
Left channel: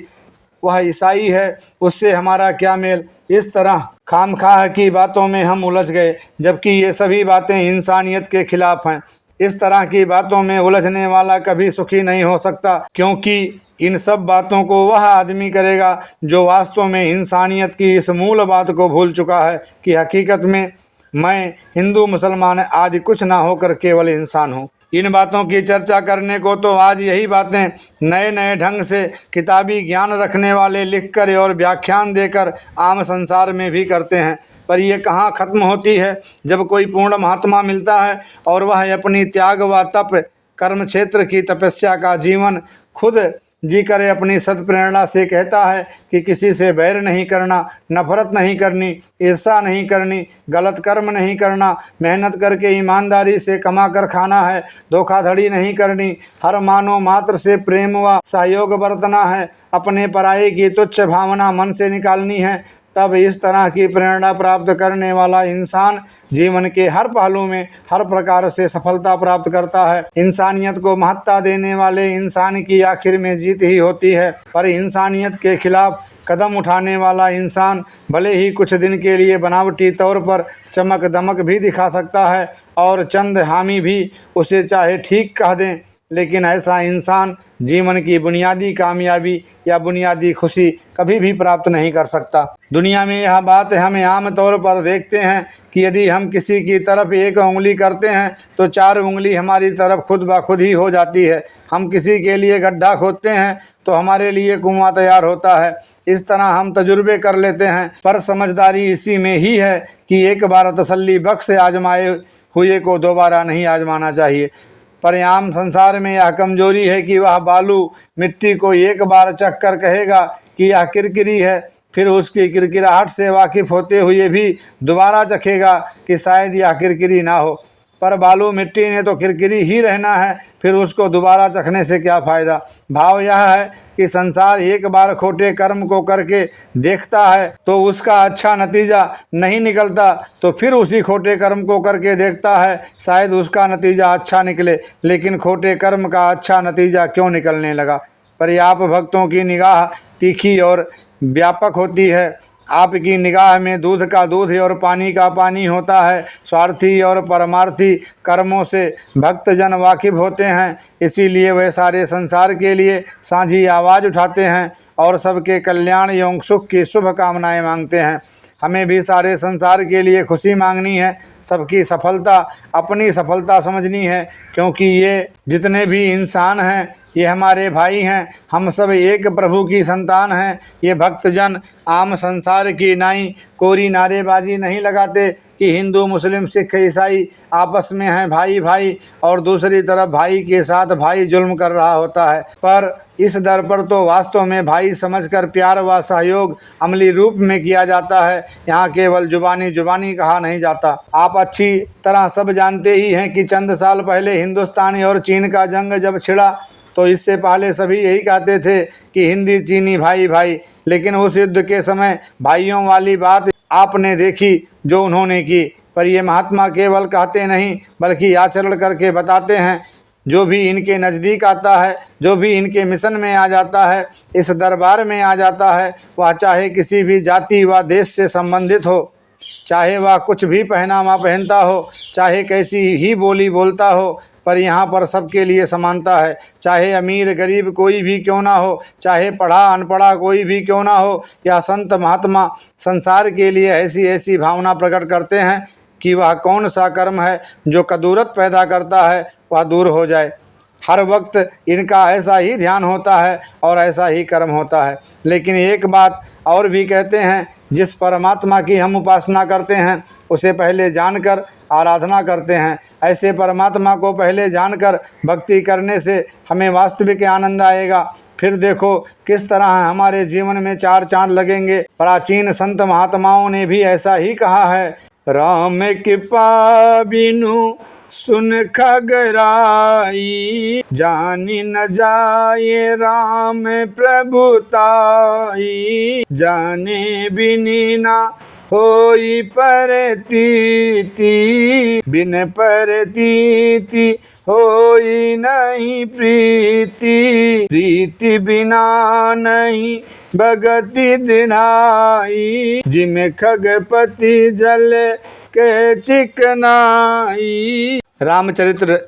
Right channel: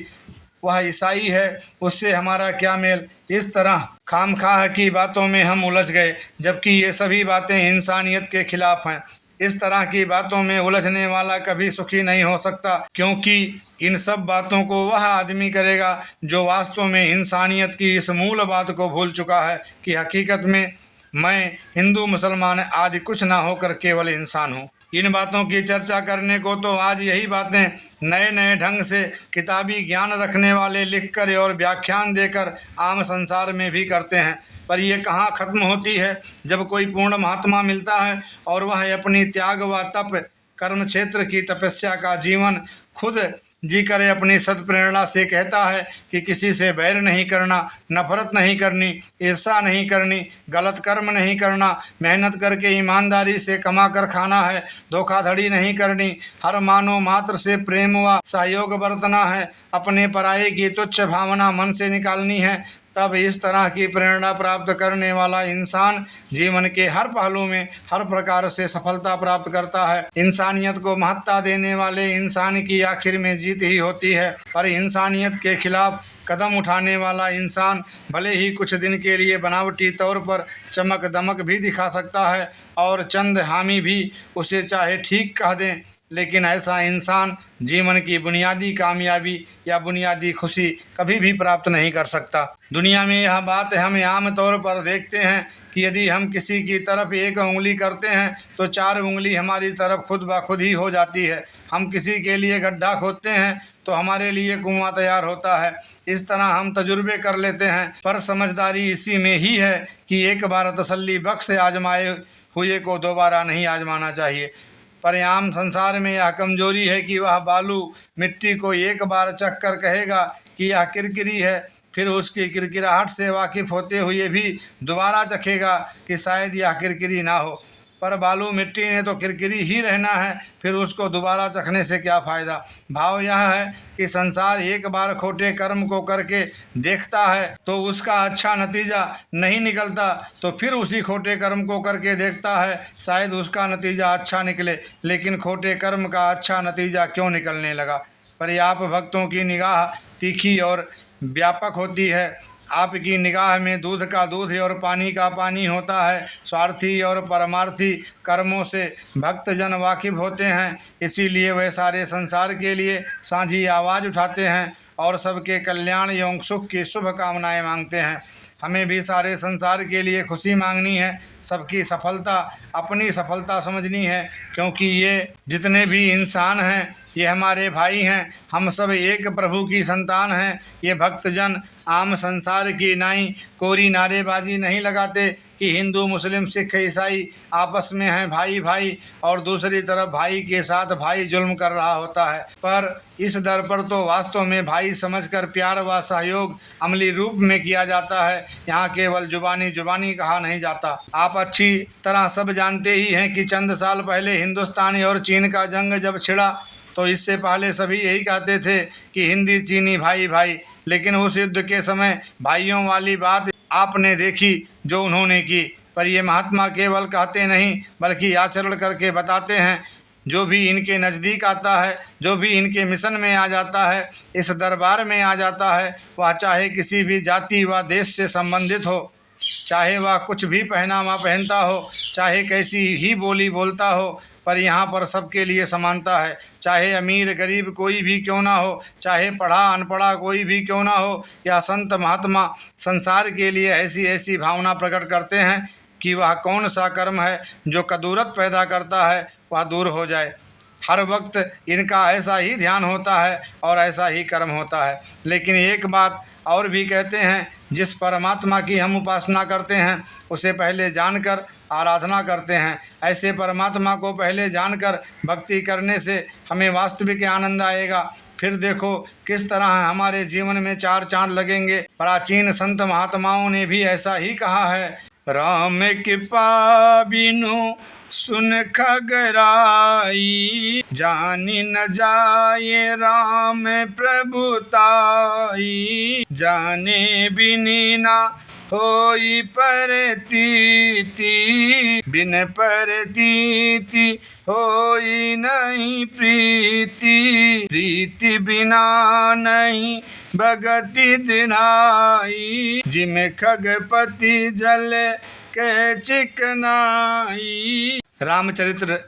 वह ईसाई है, उससे हमारा क्या मेल। इस तरह खामखाह की बातों में हम उलझ गए, जबकि ये सभी बातें इंसानियत के खिलाफ हैं। इस तरह की बातों में उलझने वाला कभी सुखी नहीं हो सकता, क्योंकि इन सब बातों को वह आदमी करेगा जो वास्तव में इंसानियत की इस मूल बात को भूल चुका है कि हकीकत में मैं हिंदू मुसलमान आदि कुछ ना होकर केवल इंसान हूँ। इन बातों की चर्चा करने को तो आज यही बातें नए नए ढंग से किताबी ज्ञान रखने वाले लिखकर और व्याख्यान देकर आम संसार में भी करते हैं, पर यह कहाँ ख़त्म होती है। जब कोई पूर्ण महात्मा मिलता है और वह अपनी त्याग व तप कर्म क्षेत्र की तपस्या का जीवन खुद जी करे अपनी सत्प्रेरणा से कहता है कि किसी से बैर नहीं करना, नफरत नहीं करनी, ईर्षा नहीं करनी, गलत कर्म नहीं करना, मेहनत करके ईमानदारी से कमा कर खाना है, धोखाधड़ी नहीं करनी, हर मानव मात्र से प्रेम व सहयोग बरतना है, अपने पराये की तुच्छ भावना मन से निकालनी है, तब इस तरह की प्रेरणा प्राप्त करने वाला इंसान जीवन के हर पहलू में हर प्रकार से सफलता प्राप्त करता है। इंसानियत को महत्ता देने वाले इंसान की आखिर में जीत ही होती है, पर इंसानियत के खिलाफ कदम उठाने वाला इंसान भले ही कुछ दिन के लिए बनावटी तौर पर चमक दमक भी दिखा सकता है और चंद हामी भी उसे चाहे ठीक कह दें, लेकिन ऐसा इंसान जीवन की बुनियादी कामयाबी या बुनियादी खुशी कभी भी प्राप्त नहीं कर सकता। दुनिया में यह बात हम आम तौर पर देखते हैं कि यदि हम किसी की तरफ एक उंगली करते हैं तो 4 उंगली हमारी तरफ खुद ब खुद ही हो जाती है। हम किसी के लिए गड्ढा खोदते हैं तो हमारे लिए कुआं तैयार होता है। इस तरह हम तजुर्बे कर लेते हैं, पर समझदारी इसी में ही है कि एक बार तसल्ली बख्श आजमाए हुए को दोबारा नहीं आजमाना चाहिए। पर आम संसार में यह कमजोरी है कि वह बालू मिट्टी को एक बार चख कर कहेगा कि यह किरकिरी है, फिर उसकी किरकिराहट से वाकिफ़ होते हुए भी दोबारा चखेगा कि शायद यह किरकिरी ना हो। पर बालू मिट्टी ने तो किरकिरी ही रहना है, फिर उसको दोबारा चखने से क्या फ़ायदा। भाव यह है कि संसार एक बार खोटे कर्म को करके देखता है तो उसका अच्छा नतीजा नहीं निकलता तो फिर उसी खोटे कर्म को करके देखता है, शायद उसका नतीजा अच्छा निकले। लेकिन खोटे कर्म का अच्छा नतीजा क्यों निकलने लगा। पर आप भक्तों की निगाह तीखी और व्यापक होती है। आपकी निगाह में दूध का दूध और पानी का पानी होता है। स्वार्थी और परमार्थी कर्मों से भक्तजन वाकिफ होते हैं, इसीलिए वे सारे संसार के लिए साझी आवाज़ उठाते हैं और सबके कल्याण एवं सुख की शुभ कामनाएं मांगते हैं। हमें भी सारे संसार के लिए खुशी मांगनी है, सबकी सफलता अपनी सफलता समझनी है, क्योंकि ये जितने भी इंसान हैं ये हमारे भाई हैं। हम सब एक प्रभु की संतान हैं। ये भक्तजन आम संसार की नाई कोरी नारेबाजी नहीं लगाते कि हिंदू मुस्लिम सिख ईसाई आपस में हैं भाई भाई, और दूसरी तरफ भाई के साथ भाई जुल्म कर रहा होता है। पर इस दर पर तो वास्तव में भाई समझकर प्यार व सहयोग अमली रूप में किया जाता है। यहाँ केवल जुबानी कहा नहीं जाता। आप अच्छी तरह सब जानते ही हैं कि चंद साल पहले हिंदुस्तान और चीन का जंग जब छिड़ा तो इससे पहले सभी यही कहते थे कि हिंदी चीनी भाई भाई। लेकिन उस युद्ध के समय भाइयों वाली बात आपने देखी जो उन्होंने की। पर ये महात्मा केवल कहते नहीं बल्कि आचरण करके बताते हैं। जो भी इनके नज़दीक आता है, जो भी इनके मिशन में आ जाता है, इस दरबार में आ जाता है, वह चाहे किसी भी जाति व देश से संबंधित हो, चाहे वह कुछ भी पहनावा पहनता हो, चाहे कैसी ही बोली बोलता हो, पर यहाँ पर सबके लिए समानता है। चाहे अमीर गरीब कोई भी क्यों ना हो, चाहे पढ़ा अनपढ़ा कोई भी क्यों ना हो, या संत महात्मा संसार के लिए ऐसी ऐसी भावना प्रकट करते हैं कि वह कौन सा कर्म है जो कदूरत पैदा करता है वह दूर हो जाए। हर वक्त इनका ऐसा ही ध्यान होता है और ऐसा ही कर्म होता है। लेकिन एक बात और भी कहते हैं, जिस परमात्मा की हम उपासना करते हैं उसे पहले जानकर आराधना करते हैं। ऐसे परमात्मा को पहले जानकर भक्ति करने से हमें वास्तविक आनंद आएगा। फिर देखो किस तरह हमारे जीवन में 4 चांद लगेंगे। प्राचीन संत महात्माओं ने भी ऐसा ही कहा है। राम कृपा बिनु सुन खगराई, जानी न जाए राम प्रभुताई, जाने बिनी ना होई परतीति, बिन परतीति होई नहीं प्रीति, प्रीति बिना नहीं भगति दिनाई, जिम खगपति जल के चिकनाई। रामचरित्र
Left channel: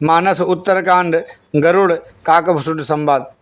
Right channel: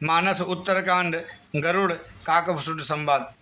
मानस उत्तरकांड गरुड़ काकभूषुंड संवाद।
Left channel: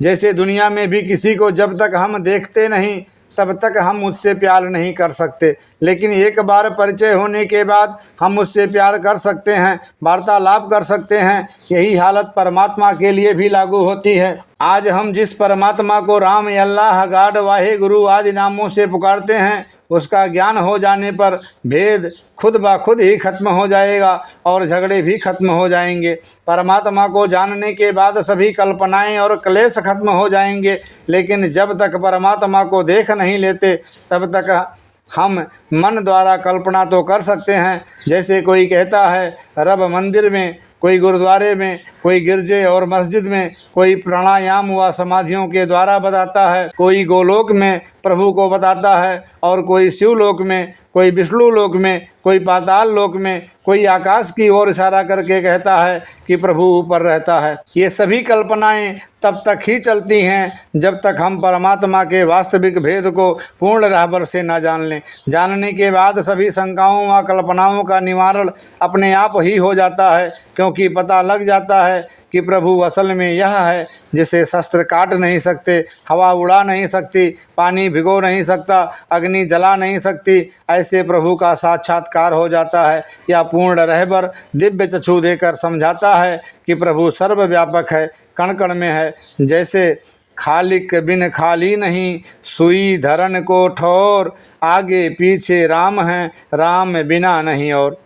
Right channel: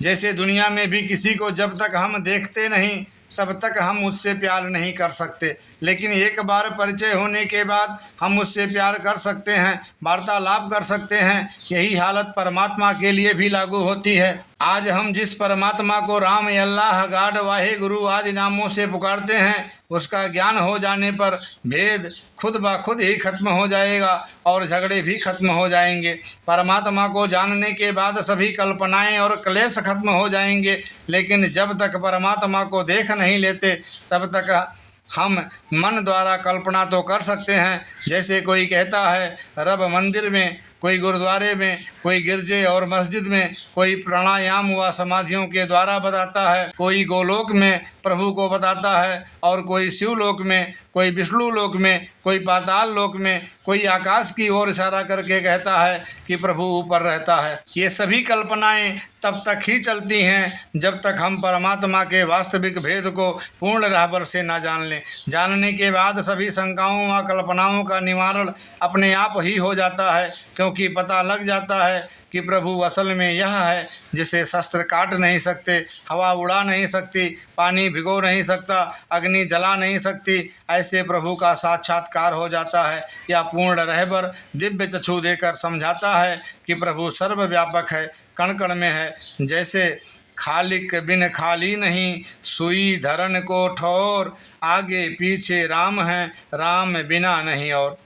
जैसे दुनिया में भी किसी को जब तक हम देखते नहीं तब तक हम उससे प्यार नहीं कर सकते, लेकिन एक बार परिचय होने के बाद हम उससे प्यार कर सकते हैं, वार्तालाप कर सकते हैं। यही हालत परमात्मा के लिए भी लागू होती है। आज हम जिस परमात्मा को राम, अल्लाह, गॉड, वाहे गुरु आदि नामों से पुकारते हैं, उसका ज्ञान हो जाने पर भेद खुद ब खुद ही खत्म हो जाएगा और झगड़े भी खत्म हो जाएंगे। परमात्मा को जानने के बाद सभी कल्पनाएं और क्लेश खत्म हो जाएंगे। लेकिन जब तक परमात्मा को देख नहीं लेते तब तक हम मन द्वारा कल्पना तो कर सकते हैं। जैसे कोई कहता है रब मंदिर में, कोई गुरुद्वारे में, कोई गिरजे और मस्जिद में, कोई प्राणायाम व समाधियों के द्वारा बताता है, कोई गोलोक में प्रभु को बताता है और कोई शिवलोक में, कोई विष्णु लोक में, कोई पाताल लोक में, कोई आकाश की ओर इशारा करके कहता है कि प्रभु ऊपर रहता है। ये सभी कल्पनाएं तब तक ही चलती हैं जब तक हम परमात्मा के वास्तविक भेद को पूर्ण रहबर से न जान लें। जानने के बाद सभी शंकाओं व कल्पनाओं का निवारण अपने आप ही हो जाता है, क्योंकि पता लग जाता है कि प्रभु असल में यह है जिसे शस्त्र काट नहीं सकते, हवा उड़ा नहीं सकती, पानी भिगो नहीं सकता, अग्नि जला नहीं सकती, ऐसे प्रभु का साक्षात्कार हो जाता है। यह पूर्ण रहबर दिव्य चक्षु देकर समझाता है कि प्रभु सर्वव्यापक है, कण कण में है। जैसे खालिक बिन खाली नहीं, सुई धरन को ठोर, आगे पीछे राम हैं, राम बिना नहीं और।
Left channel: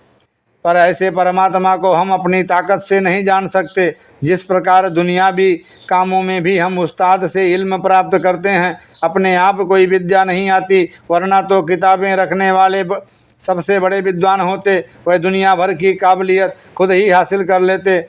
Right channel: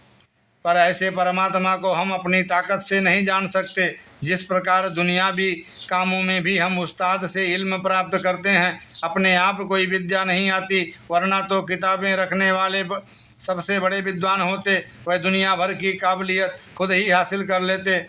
पर ऐसे परमात्मा को हम अपनी ताकत से नहीं जान सकते। जिस प्रकार दुनियावी कामों में भी हम उस्ताद से इल्म प्राप्त करते हैं, अपने आप कोई विद्या नहीं आती, वरना तो किताबें रखने वाले सबसे बड़े विद्वान होते, वह दुनिया भर की काबिलियत खुद ही हासिल कर लेते।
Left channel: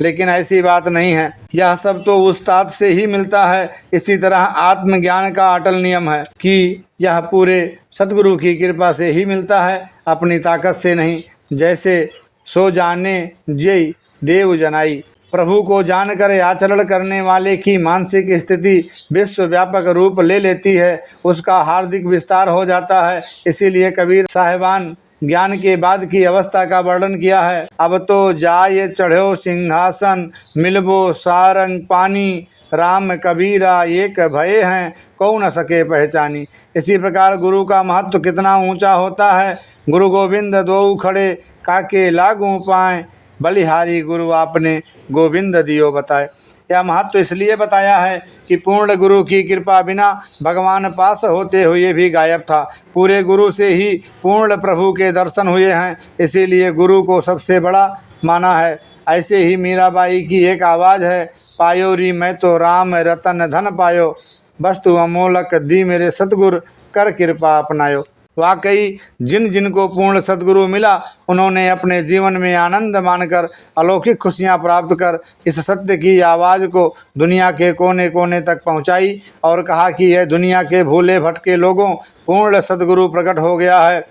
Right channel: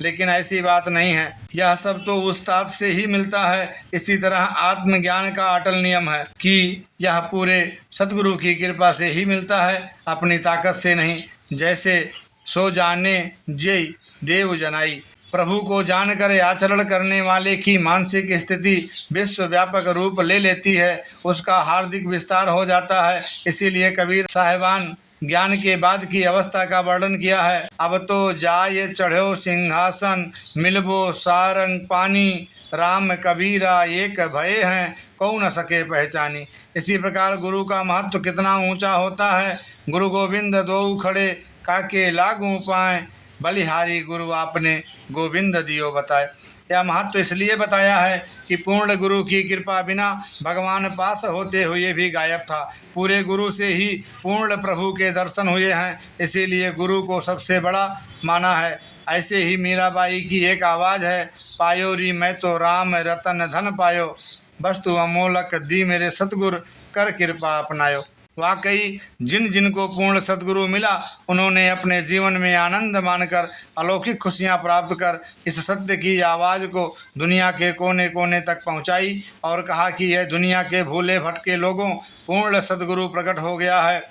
लेकिन ऐसी बात नहीं है, यह सब तो उस्ताद से ही मिलता है। इसी तरह आत्मज्ञान का अटल नियम है कि यह पूरे सद्गुरु की कृपा से ही मिलता है, अपनी ताकत से नहीं। जैसे सो जाने जय देव जनाई, प्रभु को जानकर आचरण करने वाले की मानसिक स्थिति विश्वव्यापक रूप ले लेती है, उसका हार्दिक विस्तार हो जाता है। इसीलिए कबीर साहिबान ज्ञान के बाद की अवस्था का वर्णन किया है। अब तो जाय चढ़ो सिंहासन, मिलबो सारंग पानी, राम कबीरा एक भय हैं, कौ न सके पहचानी। इसी प्रकार गुरु का महत्व कितना ऊंचा होता है। गुरु गोविंद दो खड़े, काके लागू पाएँ, बलिहारी गुरु आपने गोविंद दियो बताए। यह महत्व इसलिए बताया है कि पूर्ण गुरु की कृपा बिना भगवान पास होते हुए भी गायब था। पूरे गुरु से ही पूर्ण प्रभु के दर्शन हुए हैं, इसीलिए गुरु को सबसे बड़ा माना है। ऐसे ही मीराबाई की एक आवाज़ है, पायो री मैं तो राम रतन धन पायो, वस्तु अमोलक दी मेरे सतगुरु, कर कृपा अपनायो। वाकई जिन जिन को पूर्ण सद्गुरु मिला, उन्होंने अपने जीवन में आनंद मानकर अलौकिक खुशियां प्राप्त कर इस सत्य की आवाज़ को दुनिया के कोने कोने तक पहुंचाई और कहा कि यह दुनिया के भूले भटके लोगों, पूर्ण सद्गुरु प्रकट हो गया है।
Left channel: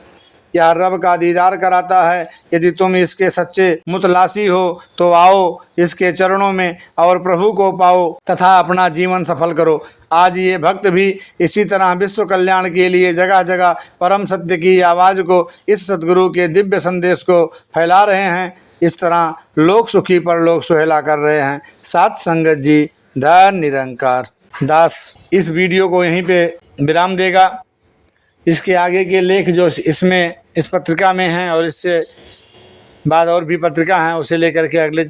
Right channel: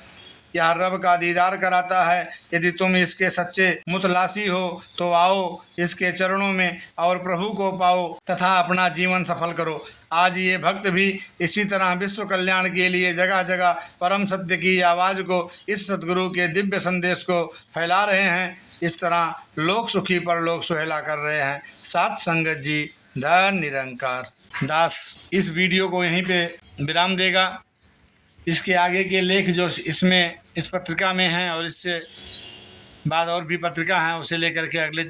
यह रब का दीदार कराता है। यदि तुम इसके सच्चे मुतलासी हो तो आओ इसके चरणों में और प्रभु को पाओ तथा अपना जीवन सफल करो। आज ये भक्त भी इसी तरह विश्व कल्याण के लिए जगह जगह परम सत्य की आवाज़ को, इस सद्गुरु के दिव्य संदेश को फैला रहे हैं। इस तरह लोक सुखी पर लोक सुहेला कर रहे हैं। साथ संगत जी, धन निरंकार दास इस वीडियो को यहीं पे विराम देगा। इसके आगे के लेख जो इसमें इस पत्रिका में हैं और इससे बाद और भी पत्रिका हैं, उसे लेकर के अगले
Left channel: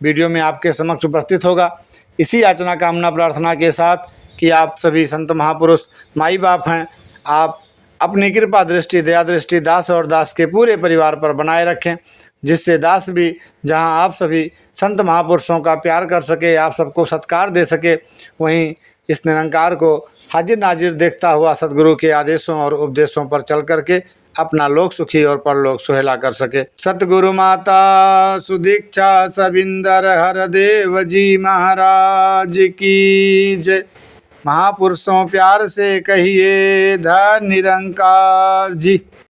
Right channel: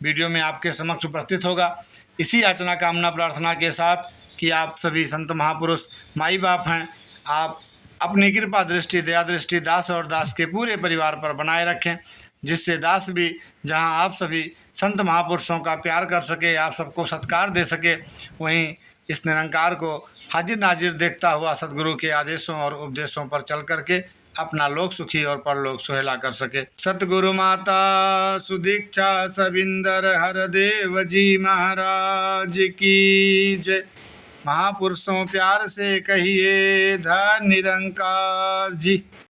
वीडियो में आपके समक्ष उपस्थित होगा। इसी याचना कामना प्रार्थना के साथ कि आप सभी संत महापुरुष माई बाप हैं, आप अपनी कृपा दृष्टि दया दृष्टि दास और दास के पूरे परिवार पर बनाए रखें, जिससे दास भी जहां आप सभी संत महापुरुषों का प्यार कर सके, आप सबको सत्कार दे सके, वहीं इस निरंकार को हाजिर नाजिर देखता हुआ सद्गुरु के आदेशों और उपदेशों पर चल करके अपना लोक सुखी और परलोक सुहेला कर सके। सतगुरु माता सुदीक्षा सबिंदर हरदेव जी महाराज की जय। महापुरुषों प्यार से कहिए धन निरंकार जी।